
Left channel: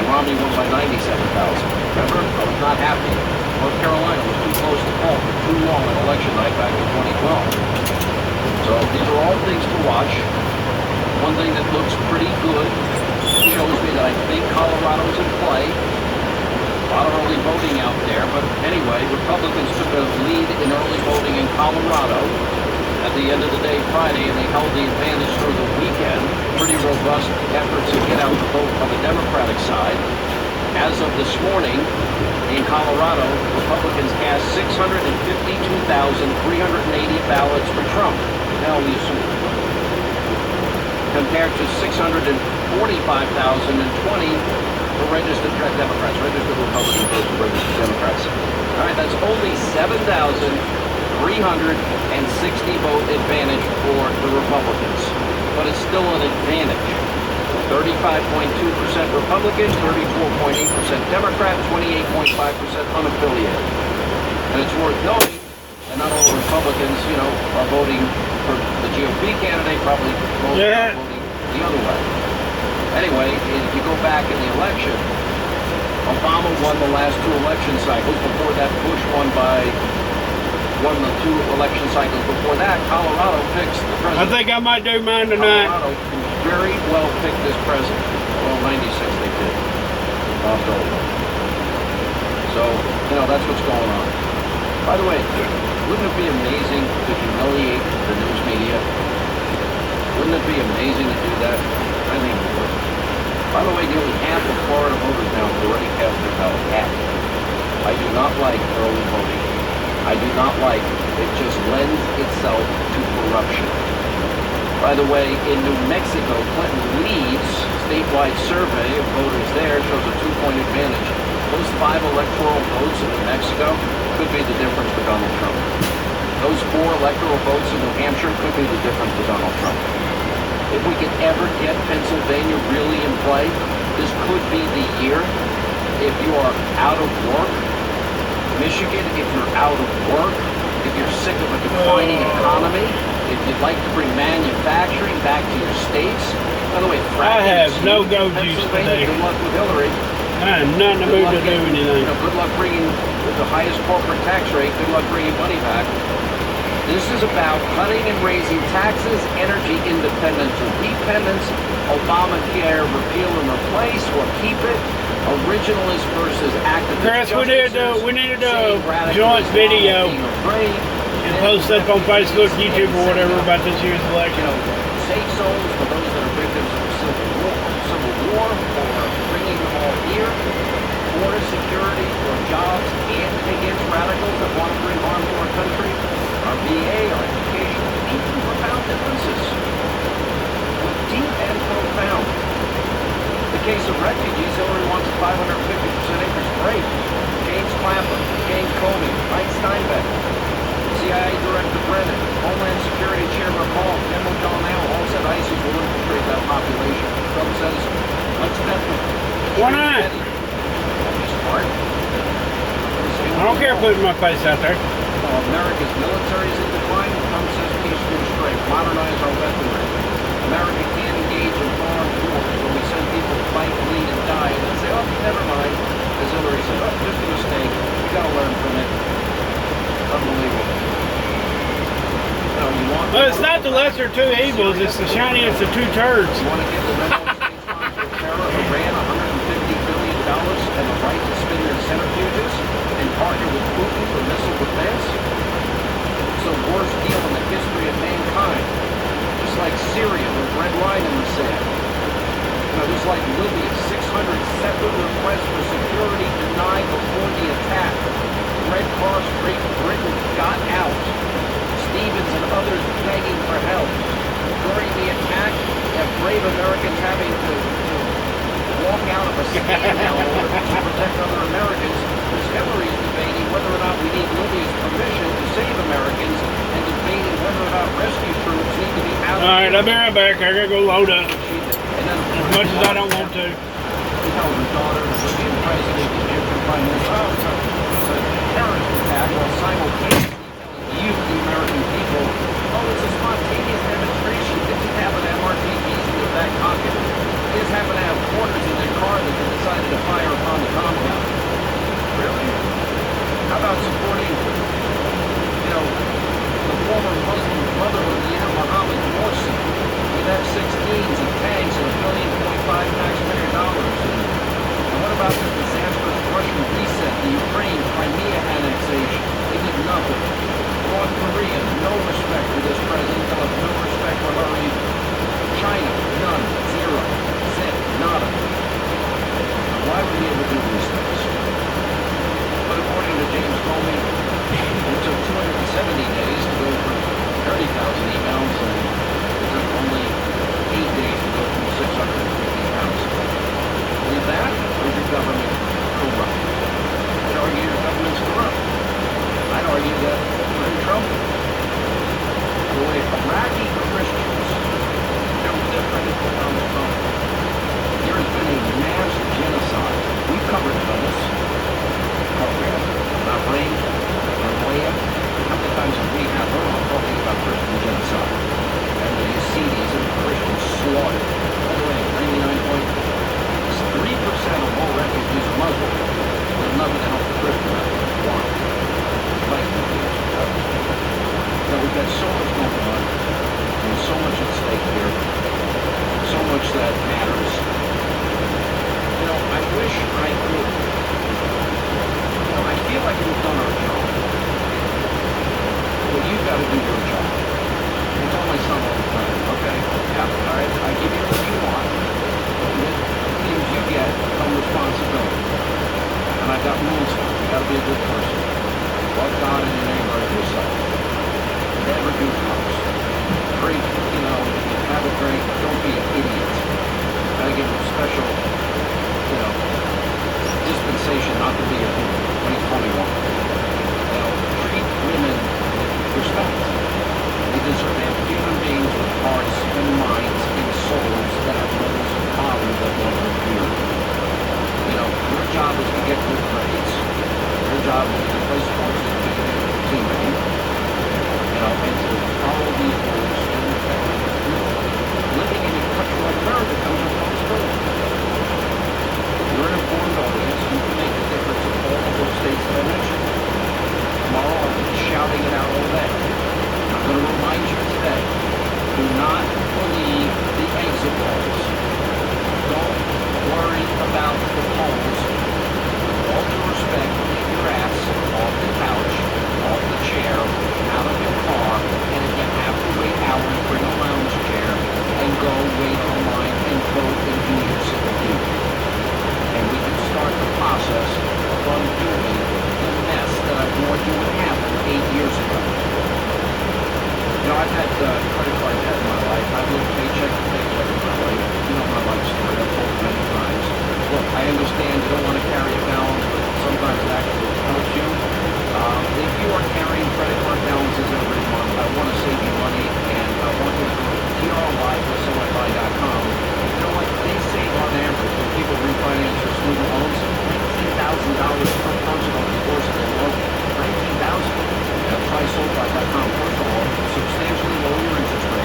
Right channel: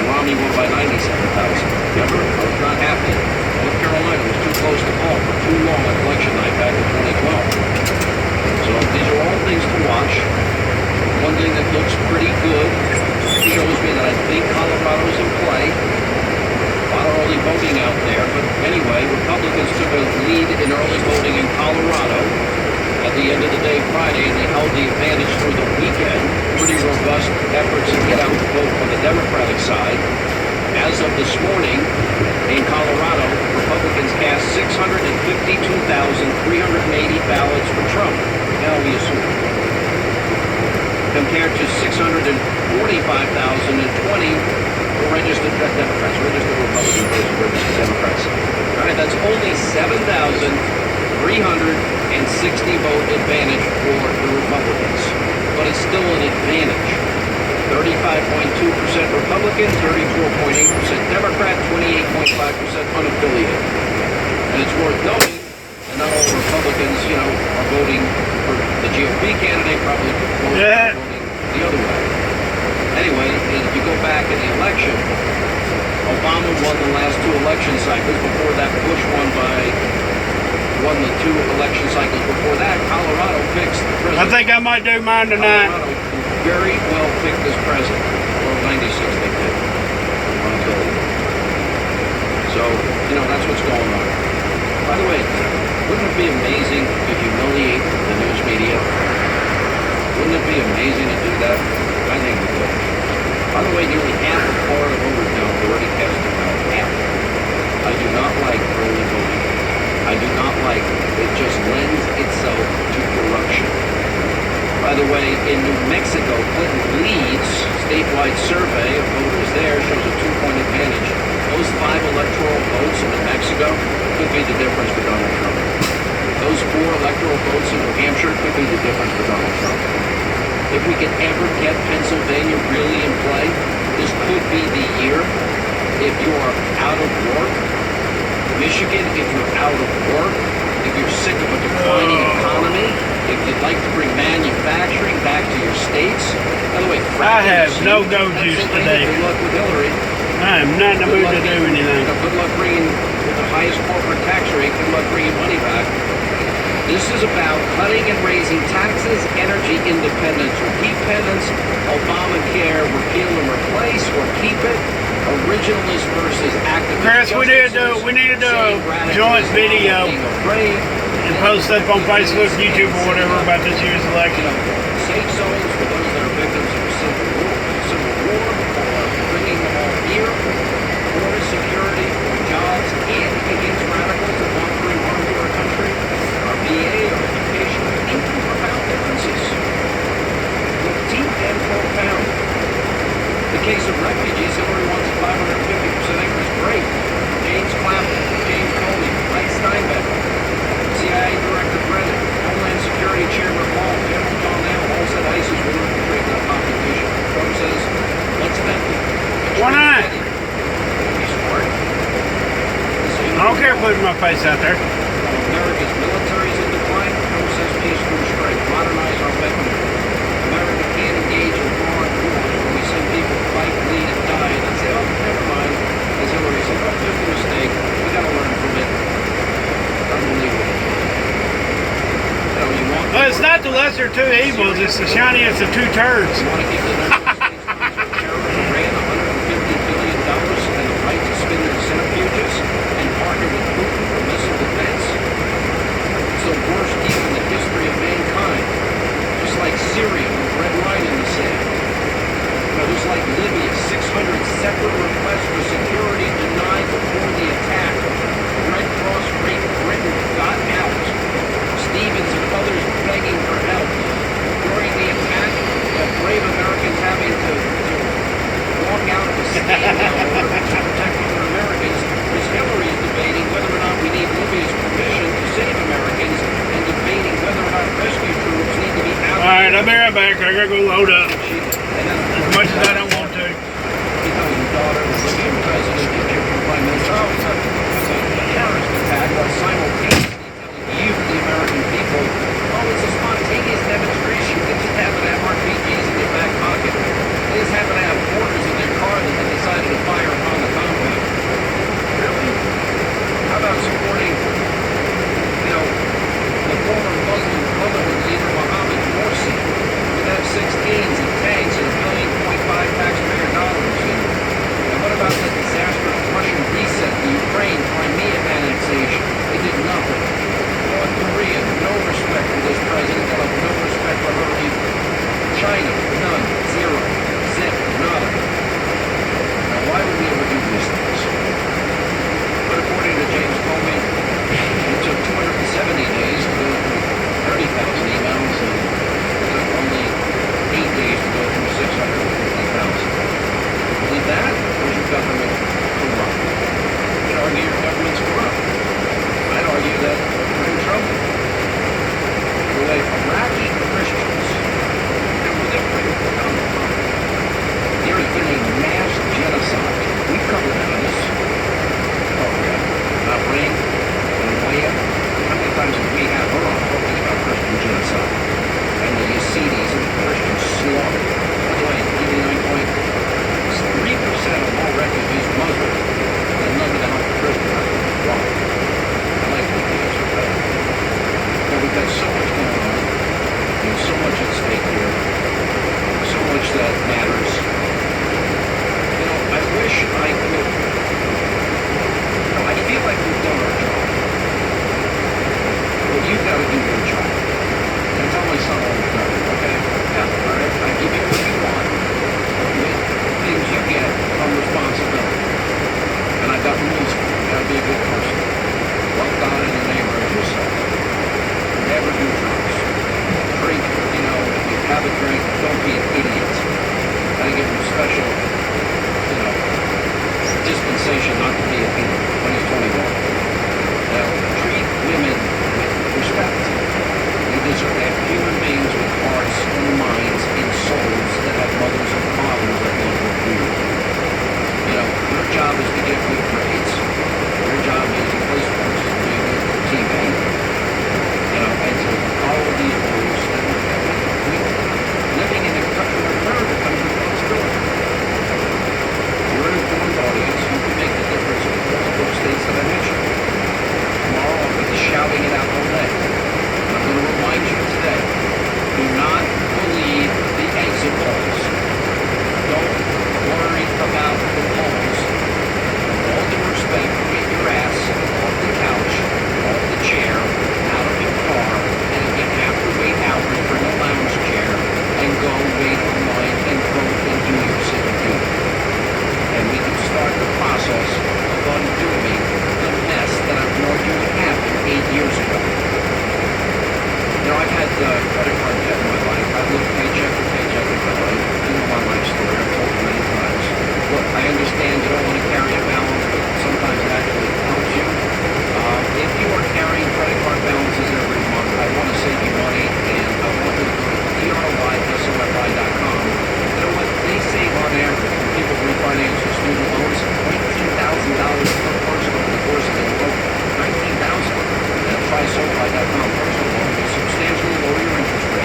and Romney won by 97,000. Remember, I was not happy. North Carolina was too close to call for too long on election night back in 2012. So these are all things to watch. One thing that looks pretty good shows me that I think Colorado's in play. A lot of early voting out there, but anyway, Republicans took a lead in early voting in Colorado at the end of the day Friday, and they held the advantage through the weekend. Pretty robust effort to get out the vote for the Democratic side. As of this morning, in Colorado, Republicans cast 652,380 ballots for Trump. Now we assume. Compared to 645,020 for registered Democrats, registered Republicans versus registered Democrats. All right, that's only 7,360 vote advantage for the Republicans, but it's still an advantage. 35.2% Republican, 34.8% Democrat, 28.5% unaffiliated. And it's worth noting that not all Republicans, are voting for the GOP candidate, probably voting the other way. Anyway, if you go back in the election, Obama won the last two election cycles. Before that, Bush won the two election cycles. Before that, Colorado picks the president. I think I might do mine tonight. Colorado very well picked this president. Well, 96 they did. So, that's what's going on. By the way, wouldn't it be amazing to humiliate the news media? Wouldn't it be amazing to do that? I think it would. By the way, nearly half of Florida voters now have already cast their ballot. Half. I do not like early voting. I do not like it. Just lends itself to corruption. By the way, in New Mexico, Clinton leads. Statewide survey of voters there shows a 2-point advantage. Those 5 electoral votes in New Mexico could be the difference for Donald Trump. Those 4 electoral votes in New Hampshire could be the difference for Donald Trump. If we could ever get Pennsylvania really in play, this could be the year. If you are out of work, Michigan, if you're out of work, if you're sick of a declining economy, if you'd like to bring manufacturing back to your states. By the way, I have no go juice today. Good luck with Hillary. I am not in the mood to do anything. Good luck bringing the highest corporate tax rate. Good luck bringing money back. This is about cutting and raising taxes, energy independence. Repeat originalist versus activist. Chris, we need to do a joint video and post up on Facebook, YouTube, or whatever about this year's election. Save souls for those that are victims of civil war, or bringing them all here, border security, or jobs, and against radicals that want to bring harm to our country, our VA, our education, deep and profound differences. With deep and profound. The case of refugees, Hillary wants a 550% increase. Great. James Clapper, James Comey, Mike Steinbeck, CIA Director Brennan, Homeland Security Chairman Paul, General John Allen, all said ISIS will infiltrate that population. Trump says, let's have them. Why not? He's smart. I don't care putting my face out there. America's military is in decline. Trump says peace through strength. Modernize our weaponry. America can't engage in foreign wars where we send people to fight, bleed, and die. And then say, oh, never mind. As Hillary said, oh, just a mistake. We got to learn from it. Unbelievable. You know, you want. Well, it's not the lesser of two evils, it's the shiniest of two turds. You want to keep the United States on terror, Iran, $150 billion and the right to spin their centrifuges and partner with Putin for missile defense? It's the worst deal in the history of mankind. Just like Syria with Red Line in the sand. You know, just like Libya, 600 separate requests for security denied before the attack. Red Cross Great Britain got out. Stevens and others begging for help. During the attack, brave Americans having to walk out of a stand-down order to protect other Americans, Ms. Hillary's debating whether or not we need Libya's permission to save Americans and debating whether or not rescue troops need to be out. All right, I'll be right back. I gotta go load up. And then, As much as I don't want to. he tells his daughter, the Libyan president, the Egyptian prime minister, oh, it's a terrorist attack, while simultaneously telling you, the American people, oh, it's a spontaneous demonstration. They just happen to have RPGs in their back pocket. They just happen to have mortars in their car that they decided to fire upon the compound. Really? How about supporting, you know, the former Muslim Brotherhood leader Mohammed Morsi with F-16s and tanks and $1.5 billion taxpayer dollars? And what about the disastrous Russian reset, the Ukraine, Crimea annexation? They did nothing. North Korea, no respect for credit card debt in my life. I've lived paycheck to paycheck in my life. You know my life story. I've told it many times. Look, I understand you don't want to carry a balance, but sometimes it actually helps you. If you are carrying credit card balances every month, I want to save you money, and I want you to go to DRYSOFI.com. You know what? They save on average when people refinance their student loans $18,000 per person over the course of their loan. $19,000. Now try SoFi.com personal loan will substantially lower your interest rate.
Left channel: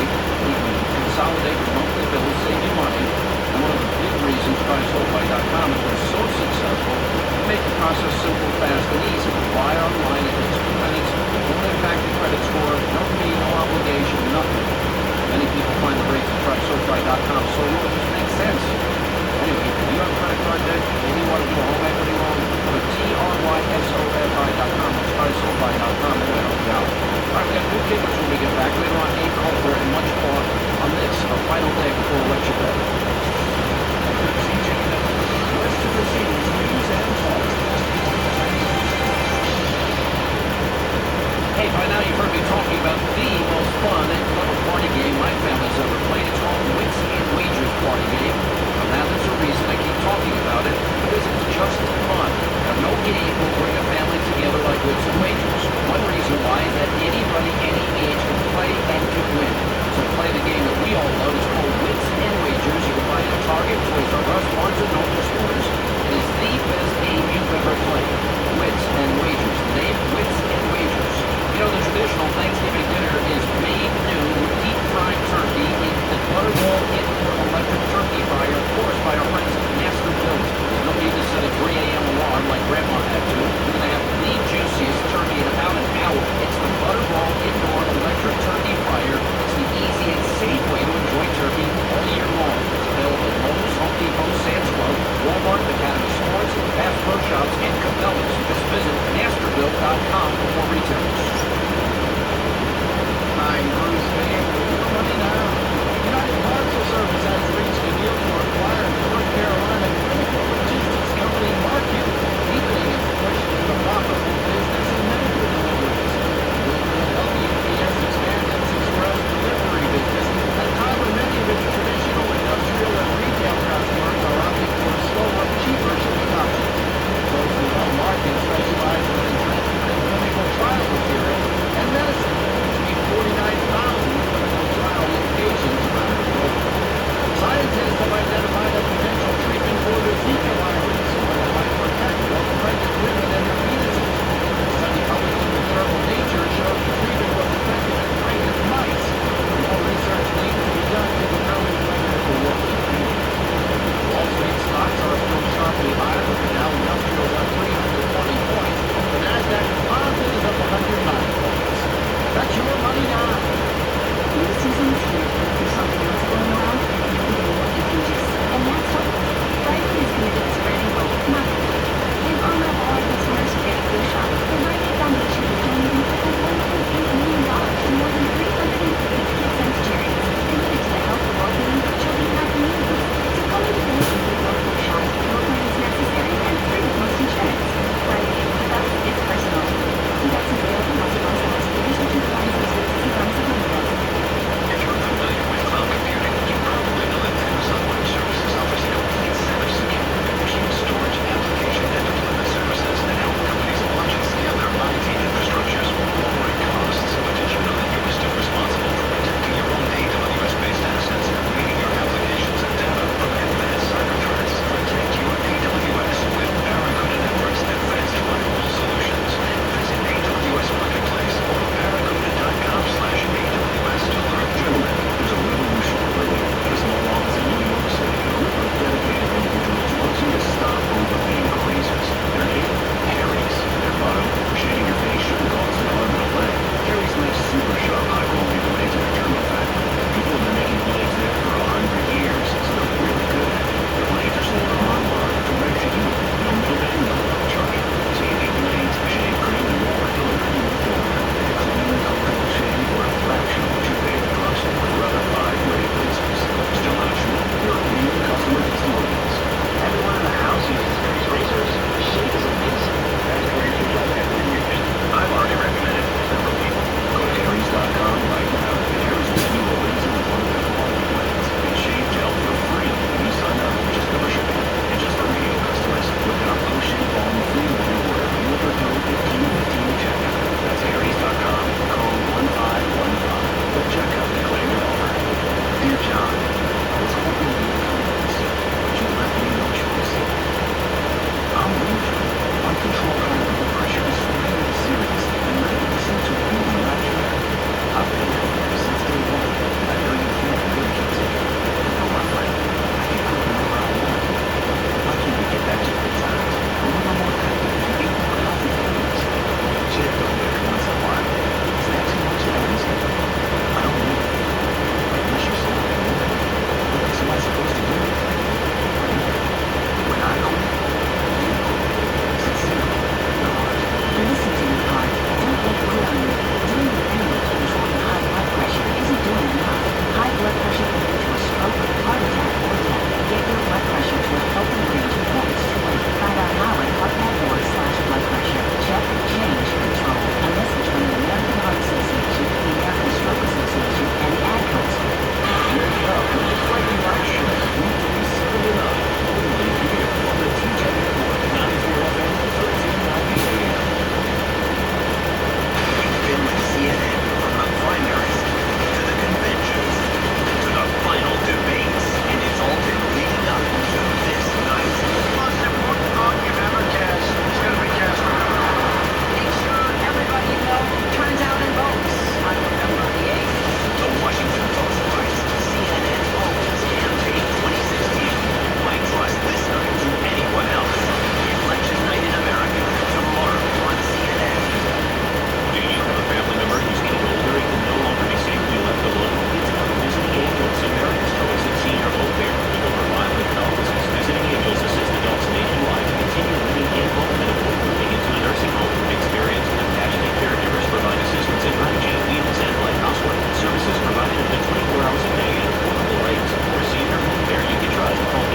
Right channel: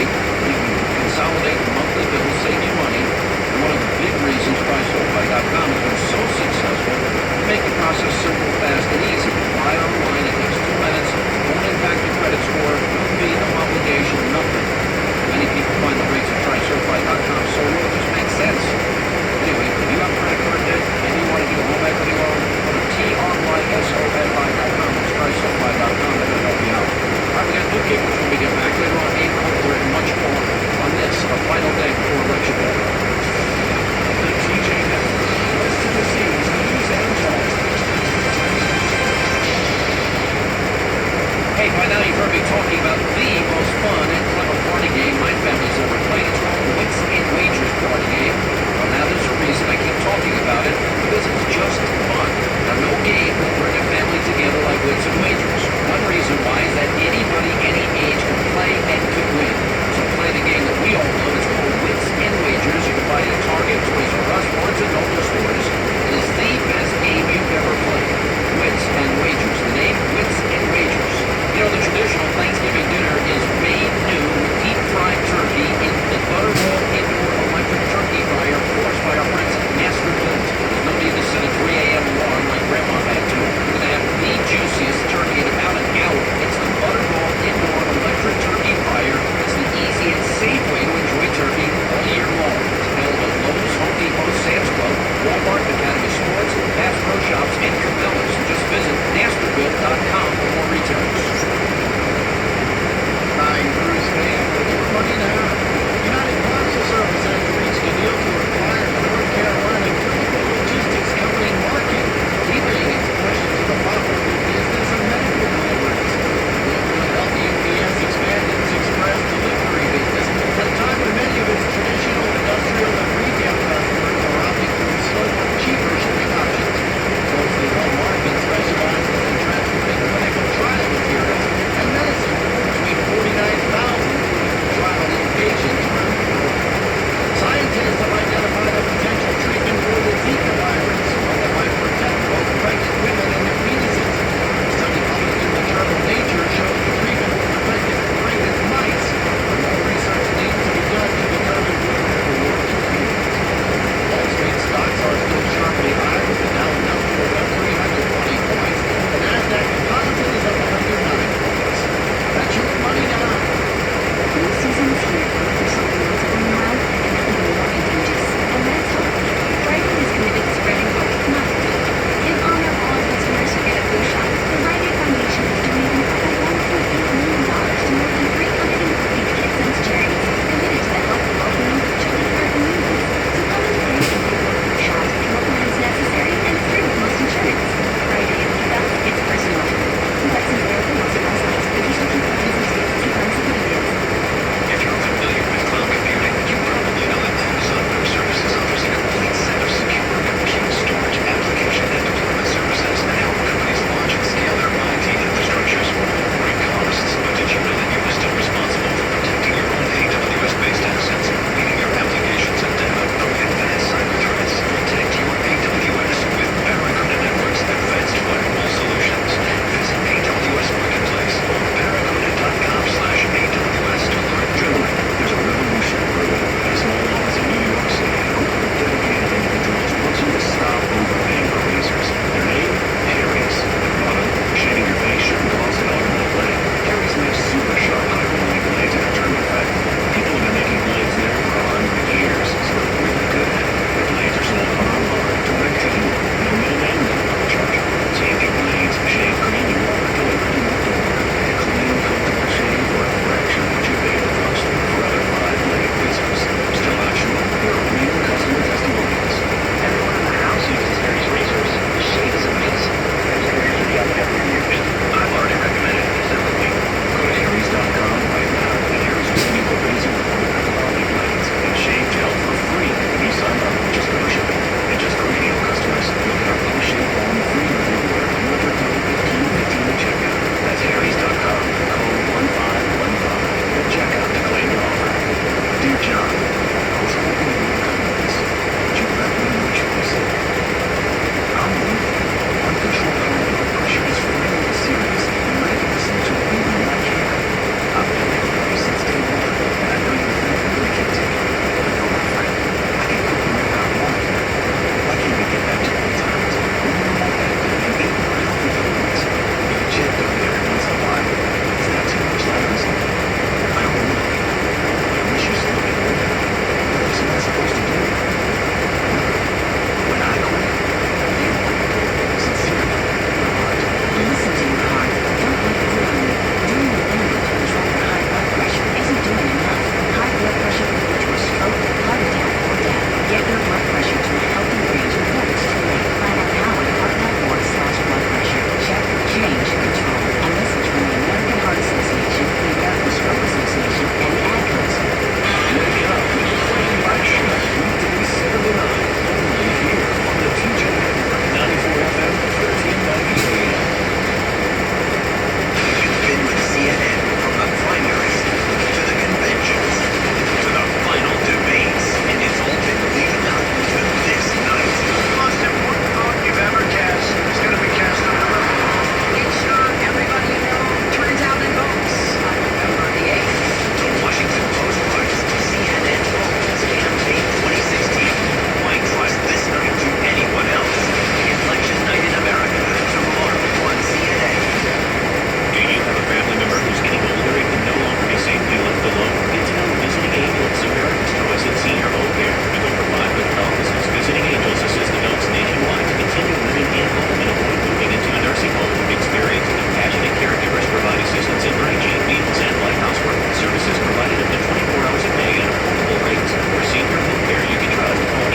hours a day at affordable rates. For senior home care you can trust, call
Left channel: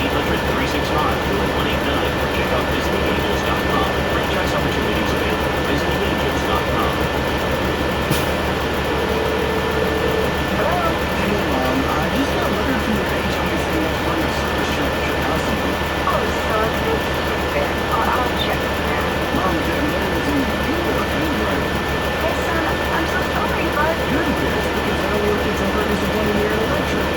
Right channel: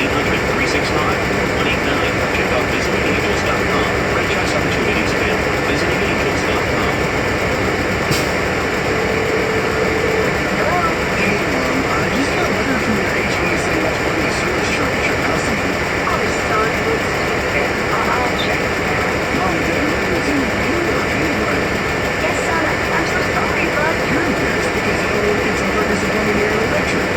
800-365-189 or check out visitingangels.com. Franchise opportunities available at visitingangels.com. Hey, Mom, I just got a letter from your HOA saying that's running a service truck at your house again. Oh, son, let's check it. I'll check it. Mom, that letter is in your handwriting. Yes, son, I'm so sorry, bud. You're embarrassed because I don't work in Tim Ferguson Plumbing and Electric.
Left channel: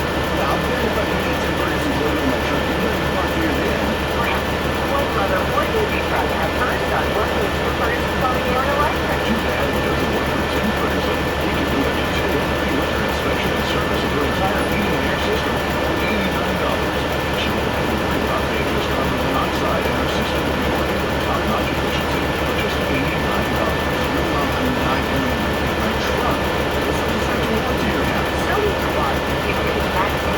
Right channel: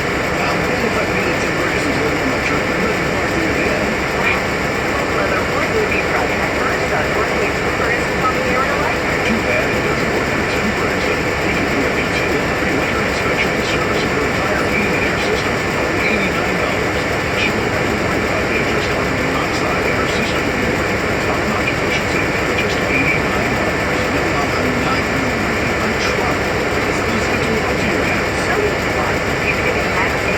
I'll bet if I can get Tim Ferguson Plumbing and Electric, I'm ready to park here then. Well, mother, wouldn't be proud to have her son working at Tim Ferguson Plumbing and Electric. Too bad it doesn't work for Tim Ferguson. We can do a detailed pre-winter inspection and service of her entire heating and air system for only $89. She won't have to worry about dangerous carbon monoxide, and her system will be working with top-notch efficiency for just $89. Mom, I'm not going to repeat my truck. It's only such a walk to your house. So you want you to get a taxi?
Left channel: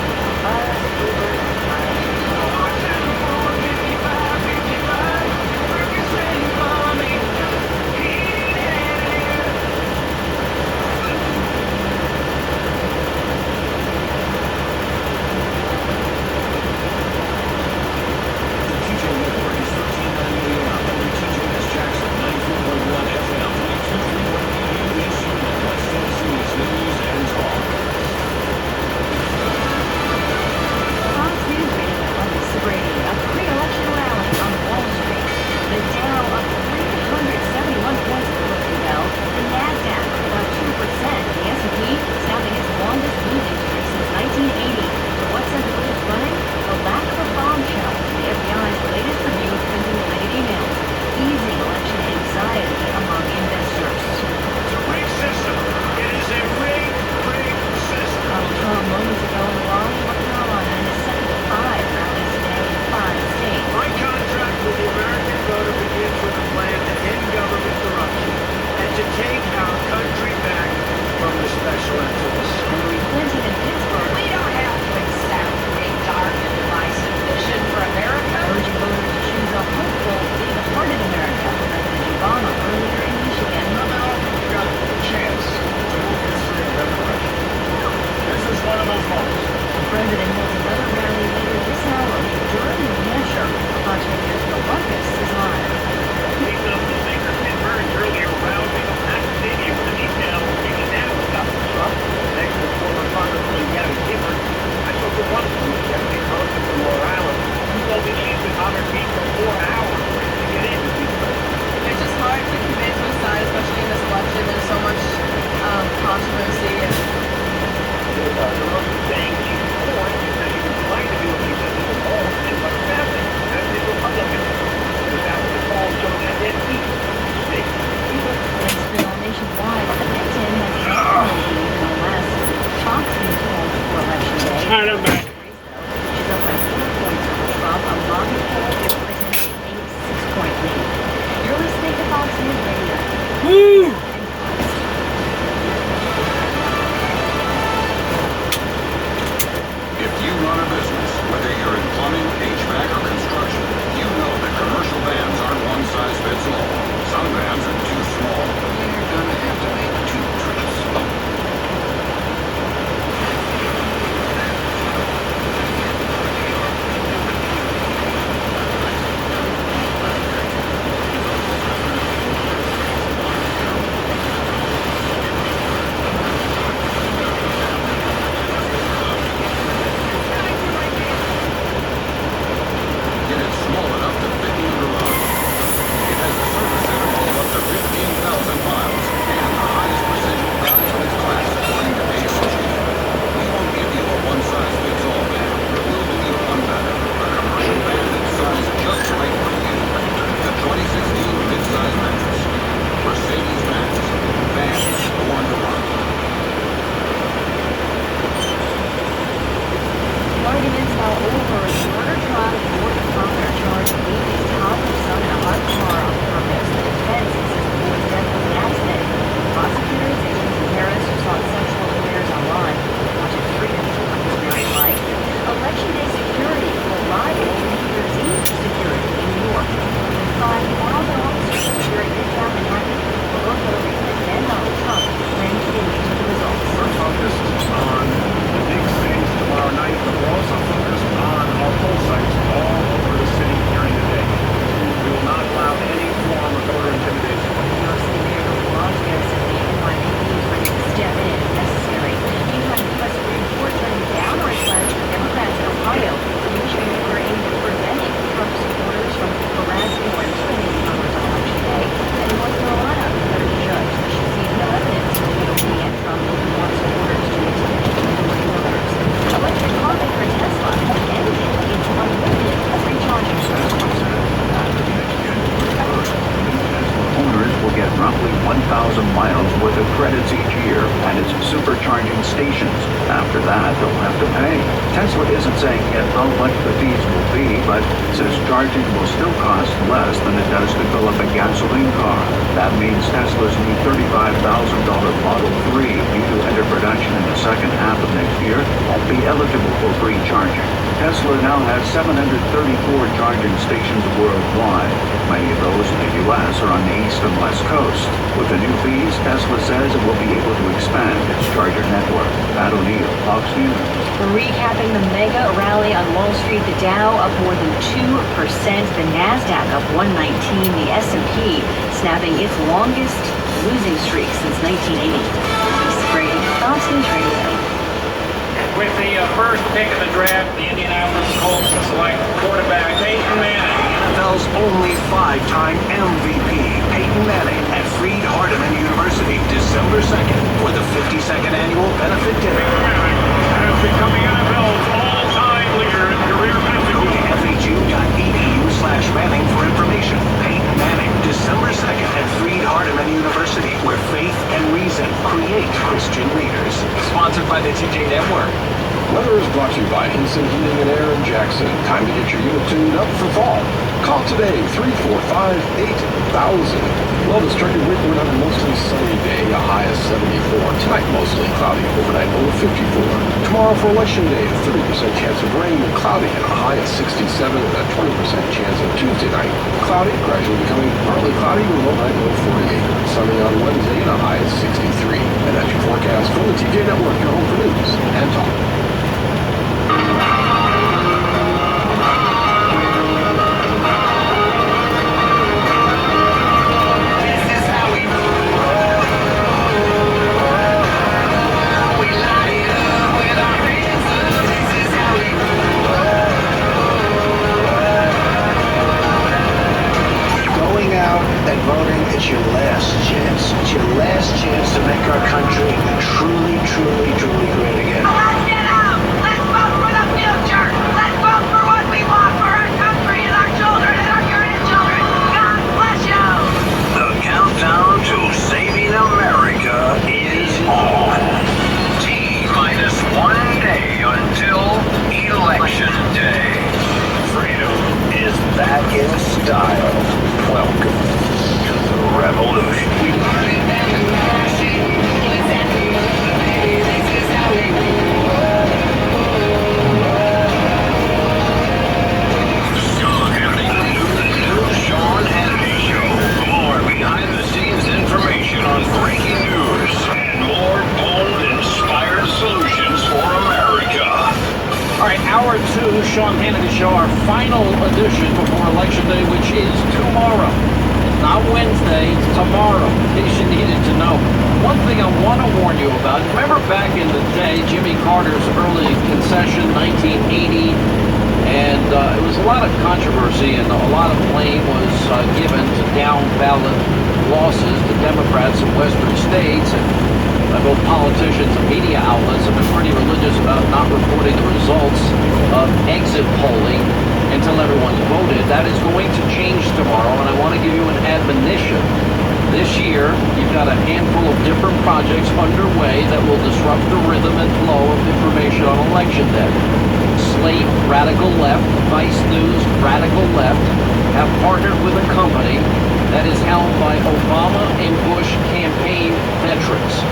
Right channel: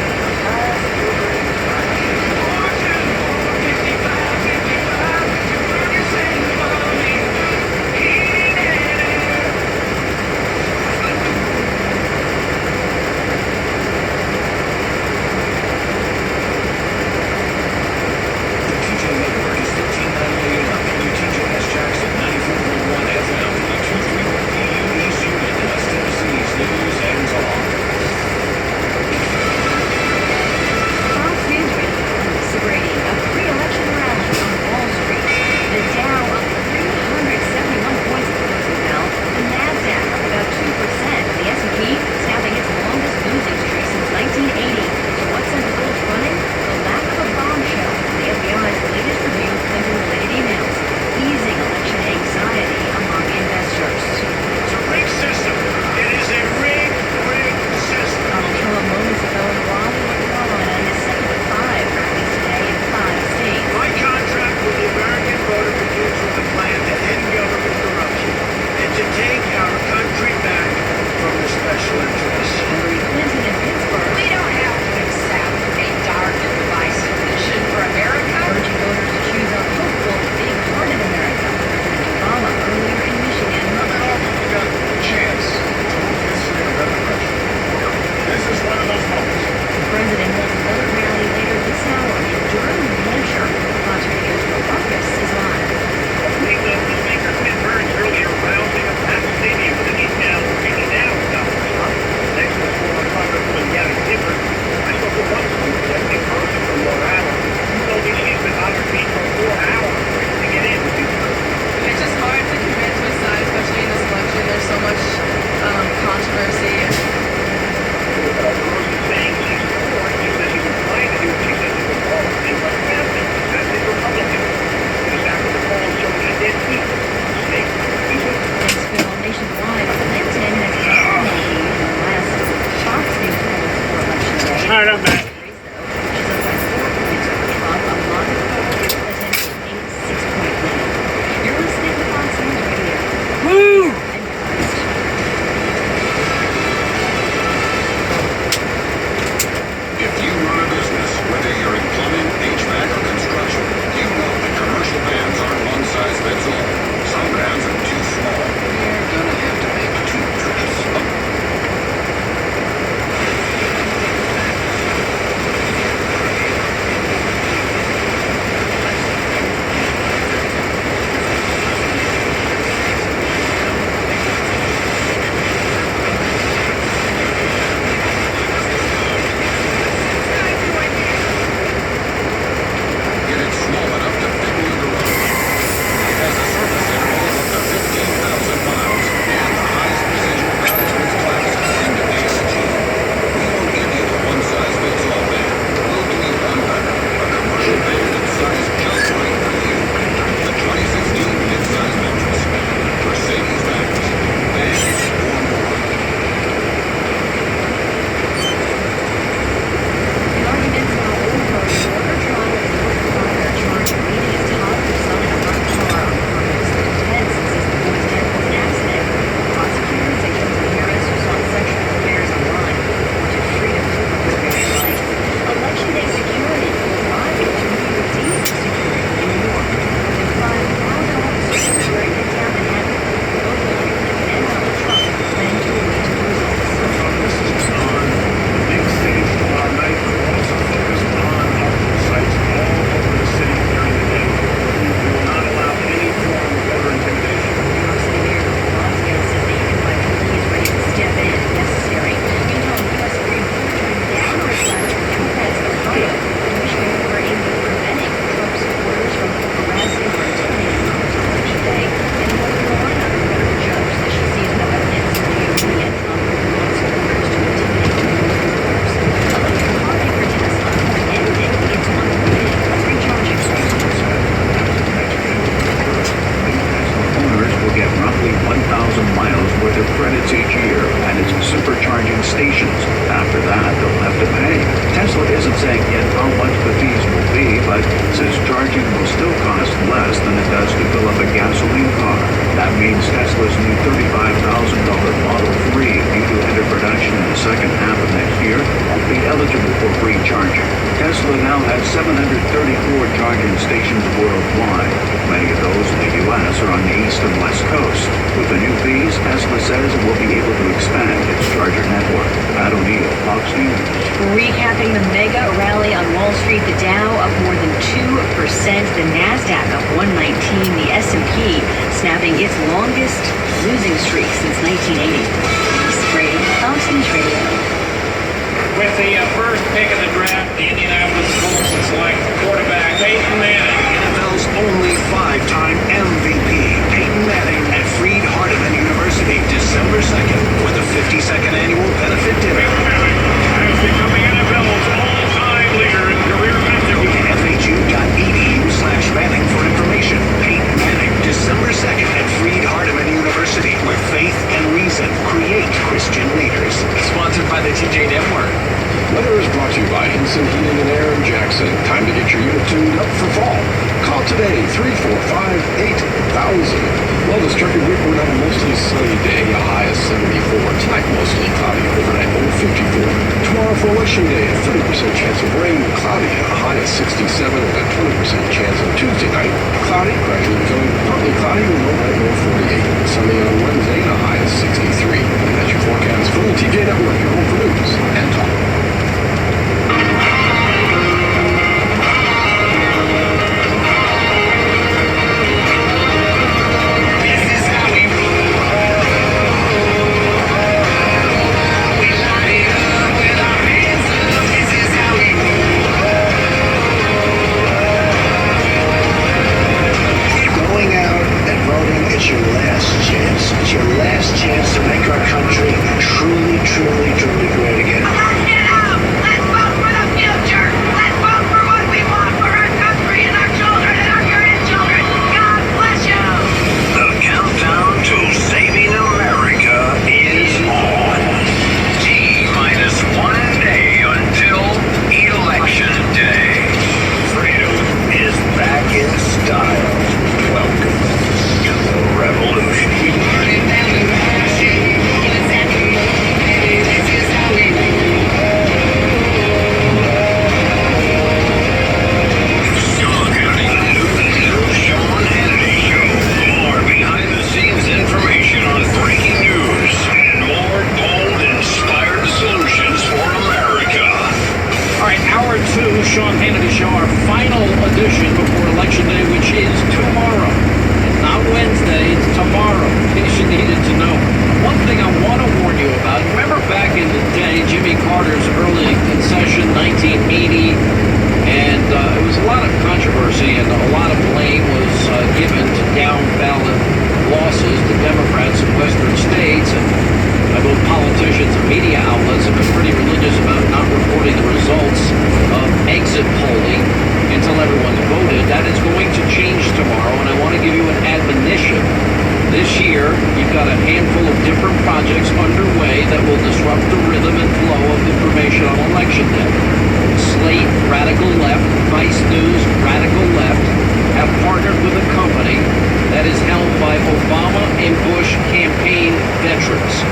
The TJ Network is 1398 out. WTJS Jackson, 94.1 FM, 2231 PU East Unit, SFC's News and Talk. Fox News Radio celebrating a pre-election rally on Wall Street. The Dow up 371 points at the closing bell. The Nasdaq up about 2%. The S&P snapping its longest losing streak since 1980. So what sent the bulls running? The lack of a bombshell. The FBI's latest review of Clinton-related emails, easing election anxiety among investors. It's a rigged system. It is a rigged system. Donald Trump moments ago in Raleigh, North Carolina, in his second of 5 rallies today in 5 states. My contract with the American voter begins with a plan to end government corruption and to take our country back from the special interests. Hillary Clinton in Pittsburgh We don't have to accept a dark and divisive vision for America. urging voters to choose a hopeful, big-hearted America. President Obama earlier in Michigan. Got a chance to move history in another direction. This is one of those moments. The president holds another rally later this hour in Durham, New Hampshire. Fox Radio's Bill Marcus is live. Speaker Ted Burns earlier rounding up at the stadium with the detail taking down Donald Trump. Next was former Congressman Gabby Gifford. I spoke with one of them, Deputy Congressman from Rhode Island, who told me she's been on her feet for 4 hours waiting to get in with you. It's just hard to commit to a side, especially in this election. There's so much controversy. The most is saying she's for it because she was trying to do what she said she was for. She's not a family. That's the Republican. Because after the polls showed that they're equal. Snake. It's still nationwide. Clinton has definitely the last Fox News polls for election day. All right, I'm back. She's up by 4 points over Trump. A modern poll gives Clinton a 6-point lead. You're listening to Fox News Radio. Woo! And first. If you run a business, whether you're in plumbing, HVAC, or construction, you know that commercial vans aren't one size fits all. Some vans are too small. You're gonna have to make 2 trips. After that, they'll have to pay. Tesla isn't saying yet how much the fees will be, but says charging will still cost less than it does to fill up a gasoline car. That means Tesla's new $35,000 Model 3, due to enter production in the second half of next year, won't be eligible for free charging. Tesla now has 734 charging stations worldwide. Many of those in the U.S. are on the east and west coast. With the new fees, Tesla says it will be able to expand its charger network. Pat O'Neill, Fox News. Recapping the mega rally on Wall Street, the Dow up more than 2%, the Nasdaq up 119, the S&P snapping its longest losing streak since 1980. Lisa Brady, Fox News Radio. With the first pick of the draft, the Indianapolis Colts select quarterback Peyton Manning. NFL's only 5-time MVP, Peyton Manning, at Freed-Hardeman University, December 2nd, for the 52nd annual benefit dinner. As becoming NFL's all-time leader in career passing. FHU.edu/Manning for information. Peyton Manning, December 2nd at Freed-Hardeman University, where faith and reason create Christian leaders. Sponsored by the TJ Network. Weather is brought to you by Hinson Heating and Air in Jackson. Time to get your unit tuned up for fall. Call today, 345-8000. Well, this Truckee week, we're going to have a mostly sunny day, a high of 74. Tonight, mostly cloudy, overnight low of 54. Tomorrow for Election Day, a 30% chance of rain, cloudy, and a high of 67, and a 20% chance on Tuesday night. Cloudy, gradually becoming partly cloudy, with low night low of 48. Sunny on Wednesday, and a high of 63. And that's your forecast from the TJ Network, your home for news and talk. It's your last chance. It's your last chance to make our country truly, truly, truly great again. Let's get out! Let's vote for the future! Let's vote for what we want for our country and our children and our grandchildren! God bless you! The countdown to saving America is on. T-minus 1 day until Election Day. Freedom is back in style. Welcome to the revolution. Sean Hannity, the new Sean Hannity Show. More behind-the-scenes information on breaking news and more bold, inspired solutions for America. All right, hour 2, Sean Hannity Show, our final edition before Election Day, which is tomorrow. It's not Wednesday, it's tomorrow, in case you needed to know. One thing I want to warn you about, remember back in the day, Jimmy Carter's early concession, 1980, and it was a lot of controversy and a lot of blame was given to down-ballot losses to Democrats in western states, and both politicians and media outlets have been pretty religious about not reporting the results of exit polling until everyone's voted. That is going to change tomorrow, and I want to give you an admonition. This year, you've got a handful of different projects underway that will disrupt the rhythm and flow of information on Election Day. Slate, Radical Left, Vice News, Radical Left have partnered with a company that is held by Obama and Bush campaign veterans.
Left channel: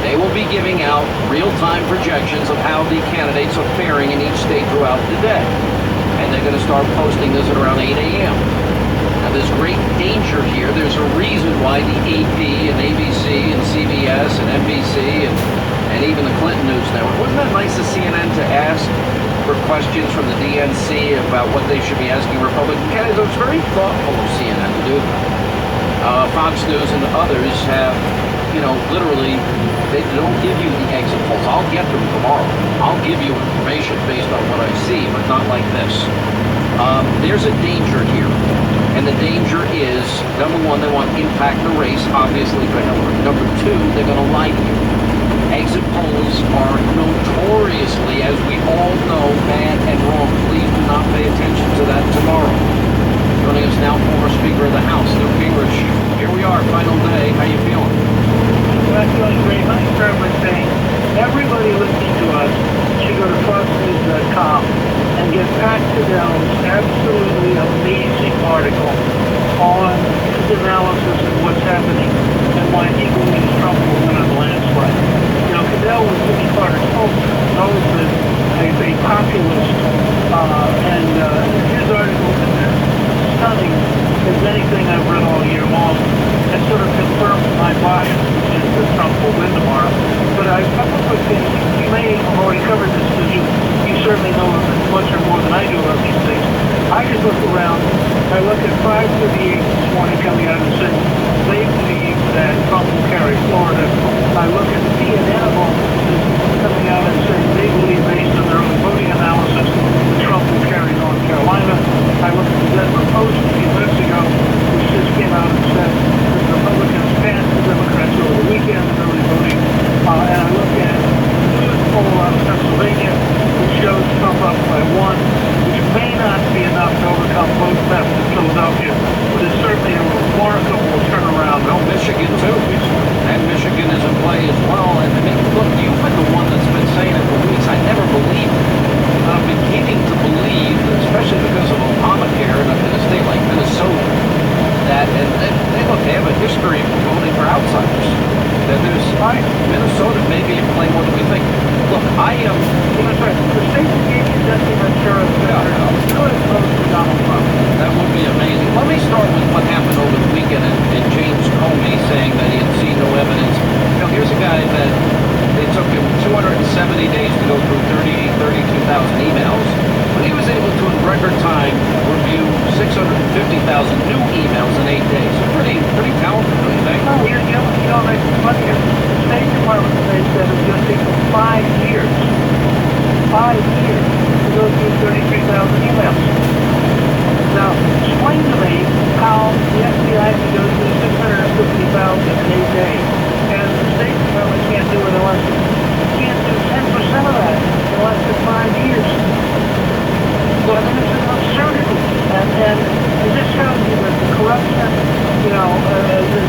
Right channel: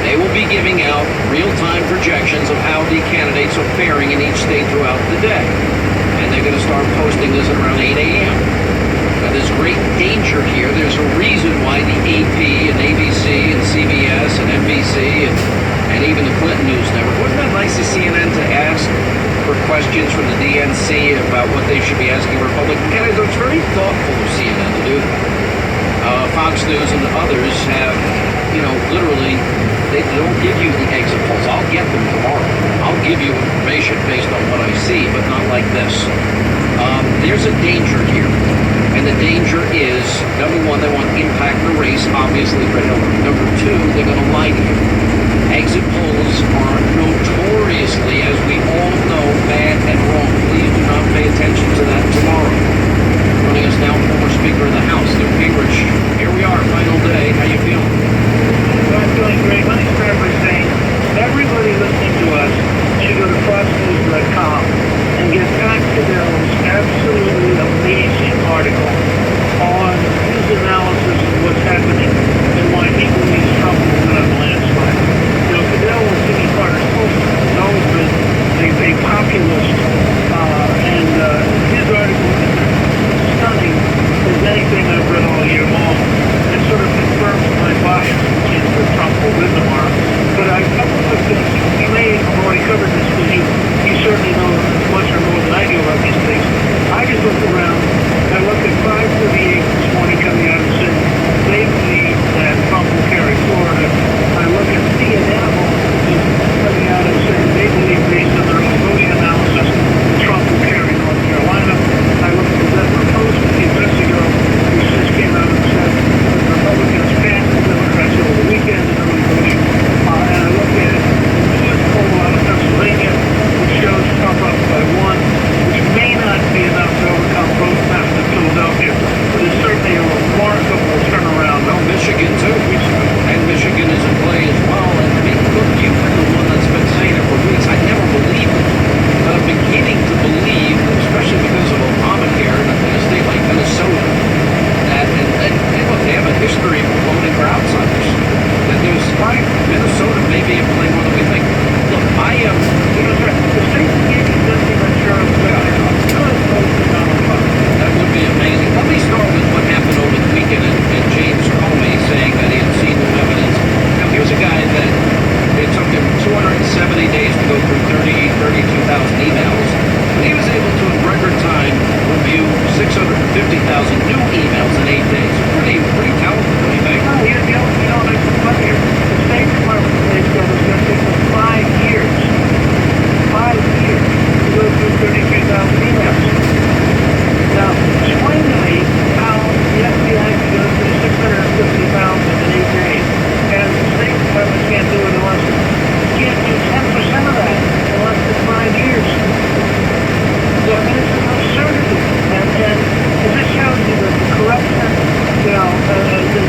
They will be giving out real-time projections of how the candidates are faring in each state throughout the day. And they're going to start posting this at around 8 a.m. Now, there's great danger here. There's a reason why the AP and ABC and CBS and NBC and even the Clinton News Network, wasn't that nice of CNN to ask for questions from the DNC about what they should be asking Republican candidates? It was very thoughtful of CNN to do that. Fox News and others have, literally, they don't give you the exit polls. I'll get them tomorrow. I'll give you information based on what I see, but not like this. There's a danger here. And the danger is, number one, they want to impact the race, obviously, for Hillary. Number two, they're going to lie to you. Exit polls are notoriously, as we all know, bad and wrong. Please do not pay attention to that tomorrow. Joining us now, former Speaker of the House, Newt Gingrich. Here we are, final day. How you feeling? I'm doing great. Let me start by saying everybody listening to us they know much or more than I do about these things. I just look around. I looked at 538 this morning coming out and said they believe that Trump will carry Florida. I look at CNN coming out and said they believe, based on their own voting analysis, that Trump will carry North Carolina. I looked at the Denver Post a few minutes ago, which just came out and said the Republicans passed the Democrats over the weekend in early voting. And I look at the newest poll out of Pennsylvania, which shows Trump up by 1, which may not be enough to overcome vote theft in Philadelphia, but it's certainly a remarkable turnaround. Well, Michigan too. And Michigan is in play as well. And I mean, look, you've been the one that's been saying it for weeks. I never believed it. But I'm beginning to believe, especially because of Obamacare in a state like Minnesota, that, and look, they have a history of voting for outsiders. That there's, Minnesota may be in play more than we think. Look, I am. The state that gave you Deputy Ventura could vote for Donald Trump. That would be amazing. Let me start with what happened over the weekend and James Comey saying that he had seen no evidence. Now, here's a guy that it took him 270 days to go through 32,000 emails, but he was able to, in record time, review 650,000 new emails in 8 days. Pretty talented, don't you think? No, you know, like the funny here. The State Department today said it was going to take them 5 years. 5 years to go through 33,000 emails. Now, explain to me how the FBI can go through 650,000 in 8 days, and the State Department can't do it unless can't do 10% of that in less than 5 years. I mean, it's an absurdity, and it just shows you that the corruption, you know,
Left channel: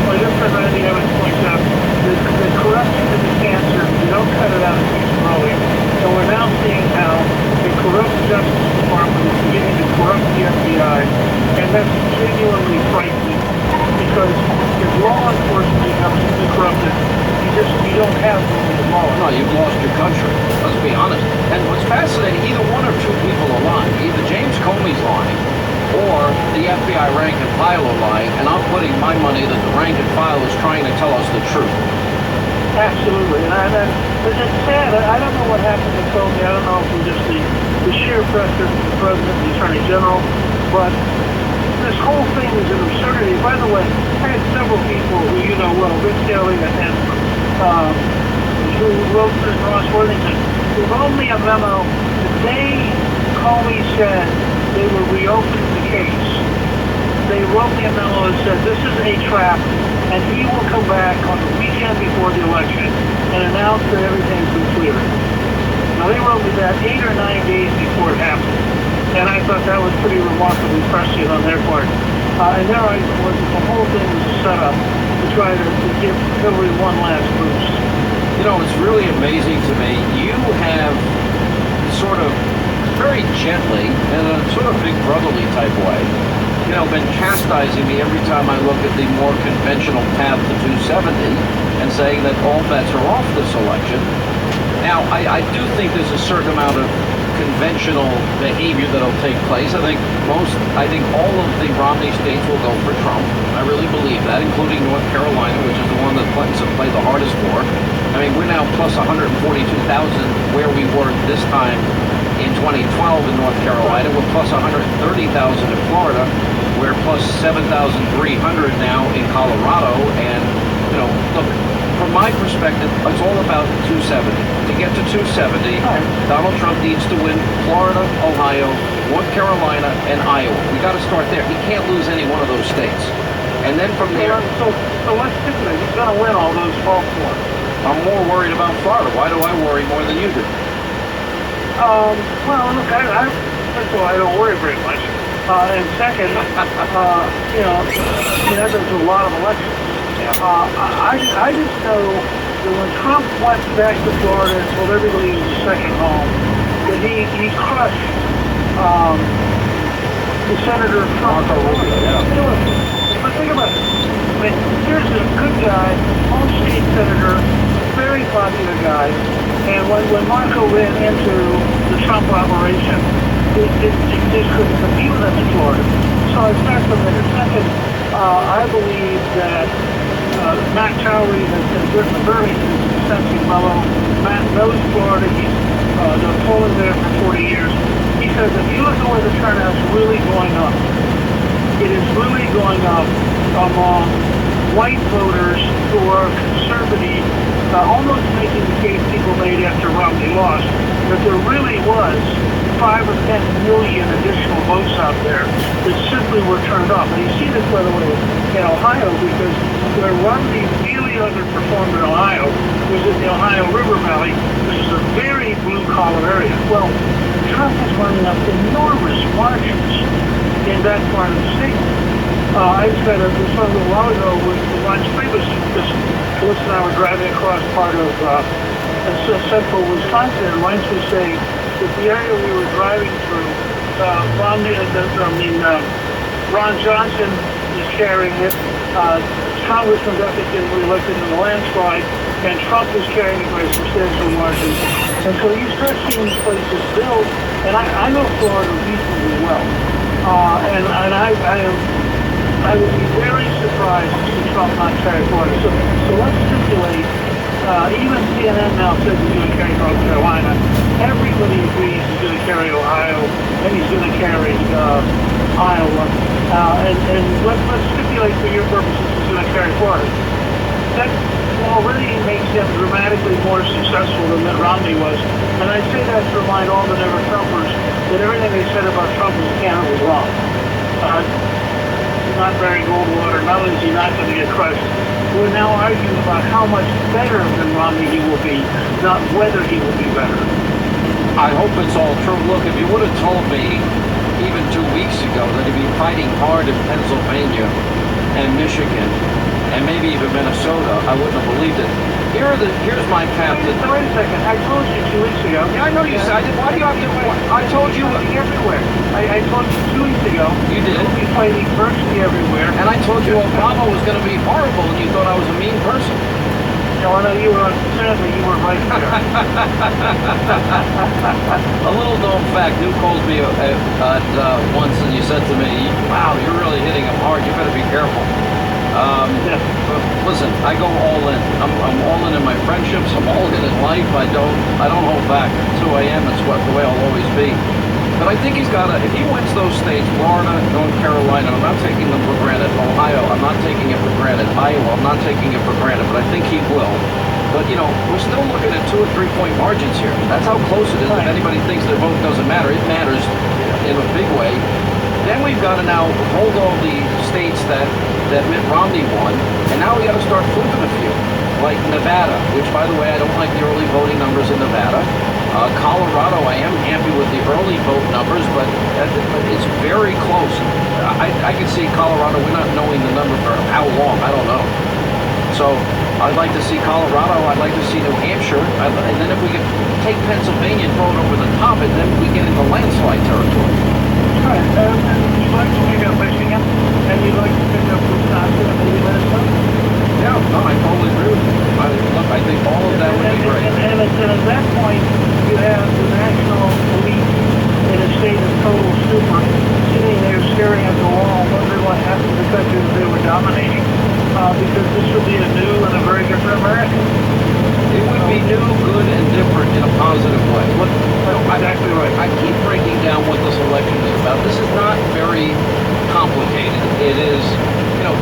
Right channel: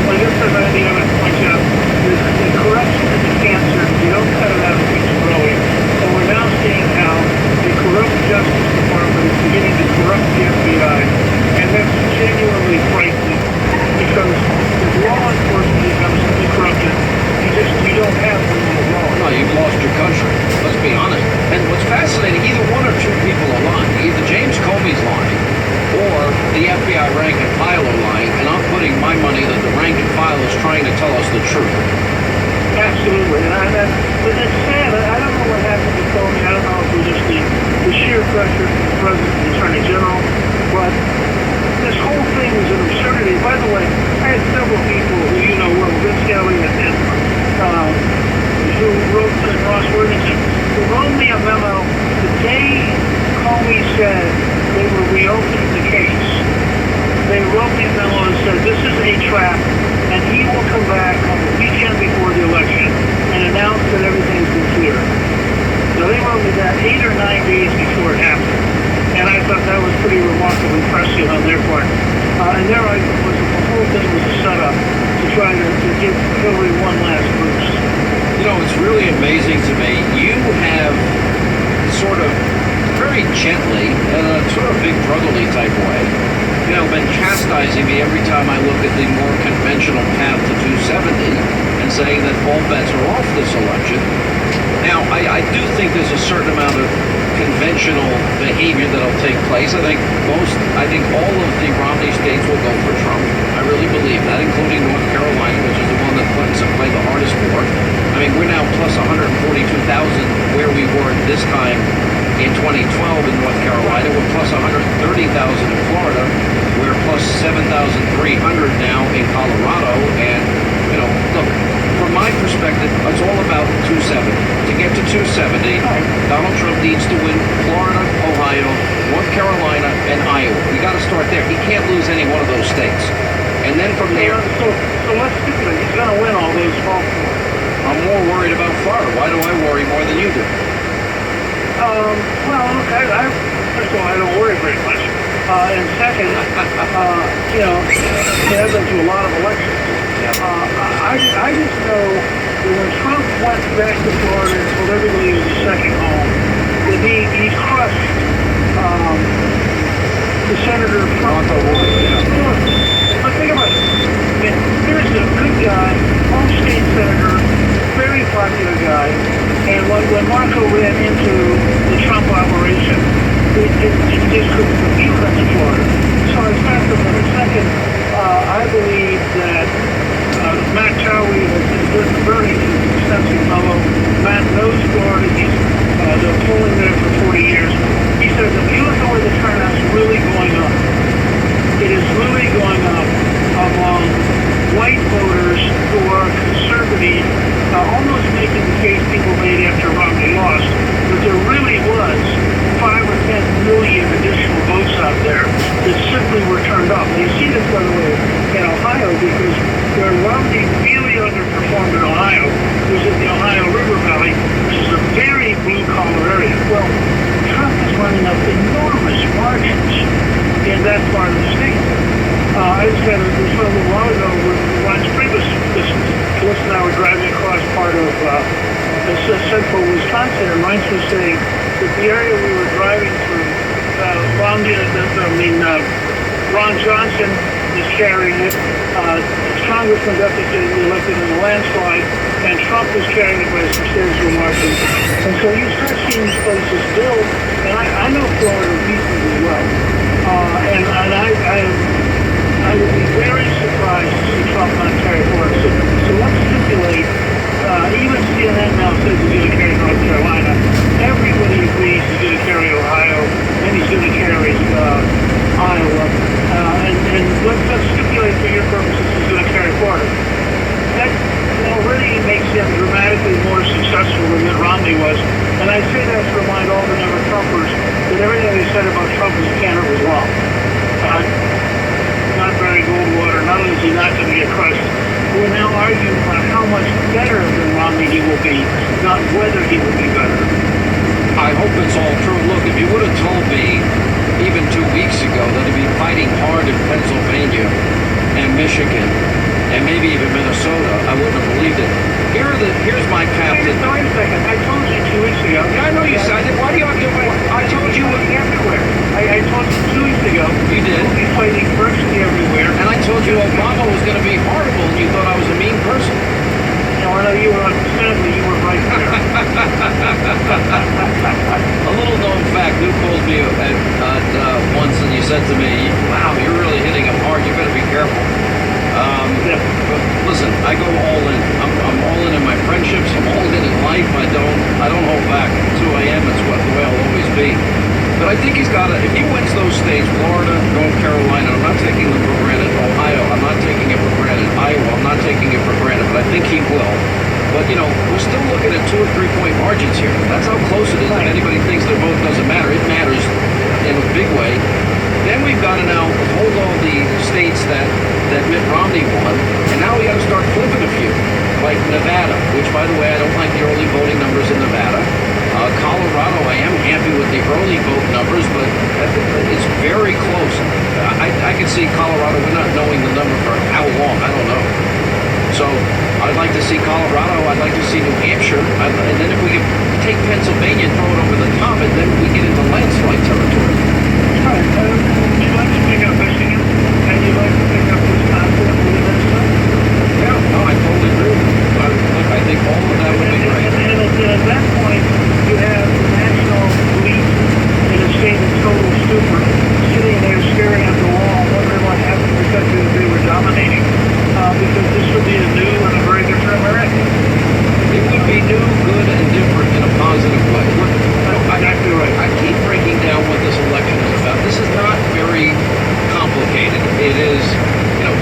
like everybody ever points out, the corruption is a cancer. You don't cut it out, it keeps growing. And we're now seeing how the corrupt Justice Department is beginning to corrupt the FBI, and that's genuinely frightening, because if law enforcement becomes corrupted, you don't have the rule of law. No, you've lost your country. Let's be honest. And what's fascinating, either one or two people are lying. Either James Comey's lying, or the FBI rank and file are lying, and I'm putting my money that the rank and file is trying to tell us the truth. Absolutely. And it's sad. I don't know what happened to Comey. I don't know if it was just the sheer pressure from the President and the Attorney General, but this whole thing is an absurdity. By the way, I had several people who you know well, Rick Kelly and who wrote to Ross Worthington, who wrote me a memo the day Comey said they were reopening the case. They wrote me a memo that said this is a trap, and he will come back on the weekend before the election and announce that everything's been cleared. Now, they wrote me that 8 or 9 days before it happened, and I thought that was pretty remarkably prescient on their part. And their argument was that the whole thing was a setup to try to give Hillary one last boost. You know, it's really amazing to me. You have sort of very gently, in a sort of big brotherly type way, you know, been chastising me every time I look at the more conventional path to 270 and saying that all bets are off this election. Now, I do think there's a certain amount of conventional behavior that'll take place. I think all of the Romney states will go for Trump. I really believe that, including North Carolina, which is the one that Clinton's have played the hardest for. I mean, we're now plus 142,000 where we were this time in 2012 in North Carolina. We're plus 130,000 in Florida. We're plus 7,300 now in Colorado. And, you know, look, from my perspective, it's all about 270. To get to 270, Donald Trump needs to win Florida, Ohio, North Carolina, and Iowa. We got to start there. He can't lose any one of those states. And then from there... So let's stipulate, he's going to win all those 12 more. I'm more worried about Florida. Why do I worry more than you do? Well, look, first of all, I don't worry very much. And second, you know, I've been to a lot of elections. I just know that when Trump went back to Florida and told everybody it was a second home, that he crushed the Senator Trump. But think about it. I mean, here's a good guy, home state senator, very popular guy, and when Marco ran into the Trump operation, it just couldn't compete with in Florida. So I expect them in a second. I believe that Matt Towery has written a very extensive memo. Matt knows Florida. He's been polling there for 40 years. mean, almost making the case people made after Romney lost, that there really was 5 or 10 million additional votes out there that simply were turned off. And you see this, by the way, in Ohio, because where Romney really underperformed in Ohio was in the Ohio River Valley, which is a very blue-collar area. Well, Trump is running up enormous margins in that part of the state. I just had this a little while ago with Lance Priebus. Phyllis and I were driving across part of central Wisconsin, and Lance was saying that the area we were driving through, Ron Johnson is carrying it. Congressman Duffy getting reelected in a landslide, and Trump is carrying it by substantial margins. And so you start seeing these places build, and I know Florida reasonably well, and I would be very surprised to see Trump not carry Florida. So let's stipulate, even CNN now says he's going to carry North Carolina. Everybody agrees he's going to carry Ohio, and he's going to carry Iowa. And let's stipulate for your purposes he's going to carry Florida. That already makes him dramatically more successful than Mitt Romney was. And I say that to remind all the never-Trumpers that everything they said about Trump as a candidate was wrong. Not Barry Goldwater, not only is he not going to get crushed, we're now arguing about how much better than Romney he will be, not whether he will be better. I hope it's all true. Look, if you would have told me even 2 weeks ago that he'd be fighting hard in Pennsylvania and Michigan and maybe even Minnesota, I wouldn't have believed it. Here's my captain. Wait a second. I told you 2 weeks ago. Yeah, I know you said. Why do you have to? I told you everywhere. I told you 2 weeks ago. You did. He'll be fighting virtually everywhere. And I told you Obama was going to be horrible, and you thought I was a mean person. No, you were sadly you were right there. A little known fact: Lou calls me once, and you said to me, "Wow, you're really hitting him hard. You better be careful." But listen, I go all in. I'm all in my friendships. I'm all in life. I don't hold back. It's who I am. It's the way I'll always be. But I think he's got to. If he wins those states, Florida, North Carolina, I'm not taking them for granted. Ohio, I'm not taking it for granted. Iowa, I'm not taking it for granted. But I think he will. But we're still looking at 2 or 3 point margins here. That's how close it is. If anybody thinks their vote doesn't matter, it matters in a big way. Then we've got to now hold all the states that Mitt Romney won, and now we got to start flipping a few, like Nevada, which, by the way, I don't like the early voting numbers in Nevada. Colorado, I am happy with the early vote numbers, but it's very close. I can see Colorado, we're not knowing the number for how long, I don't know. So I'd like to see Colorado, I'd like to see New Hampshire, and then if we could take Pennsylvania and throw it over the top, and then we get into landslide territory. All right. You'd like to pick up Michigan, and you'd like to pick up Wisconsin and Minnesota? Yeah, no, I totally agree with you. Look, I think all of that would be great. And at that point, you have the national elite in a state of total stupor, sitting there staring at the wall, wondering what happened to the country that they were dominating, because this would be a new and a very different America. It would be new, good, and different in a positive way. Look, exactly right. I keep breaking down what this election is about. This is not very complicated. It is,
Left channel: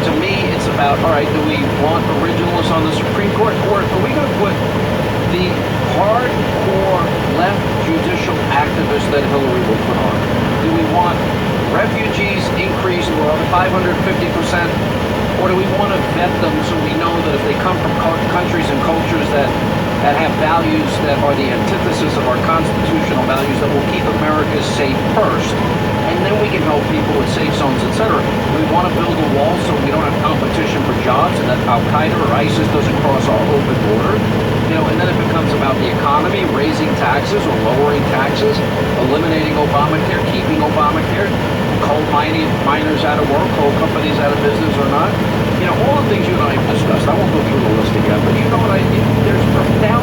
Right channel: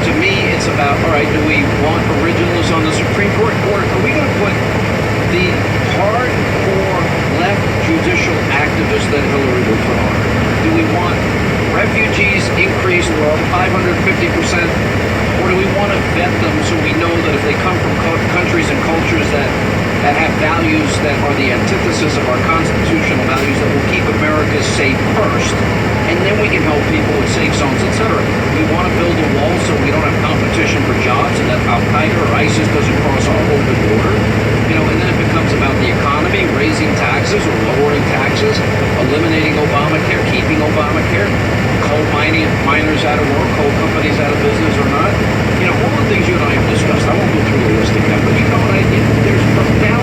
to me, it's about, all right, do we want originalists on the Supreme Court? Or are we going to put the hardcore left judicial activists that Hillary would put on? Do we want refugees increased to 550%? Or do we want to vet them so we know that if they come from countries and cultures that have values that are the antithesis of our constitutional values, that will keep America safe first, and then we can help people with safe zones, etc. We want to build a wall so we don't have competition for jobs, and that Al-Qaeda or ISIS doesn't cross our open border. And then it becomes about the economy, raising taxes or lowering taxes, eliminating Obamacare, keeping Obamacare, coal miners out of work, coal companies out of business or not. All the things you and I have discussed. I won't go through the list again, but there's profound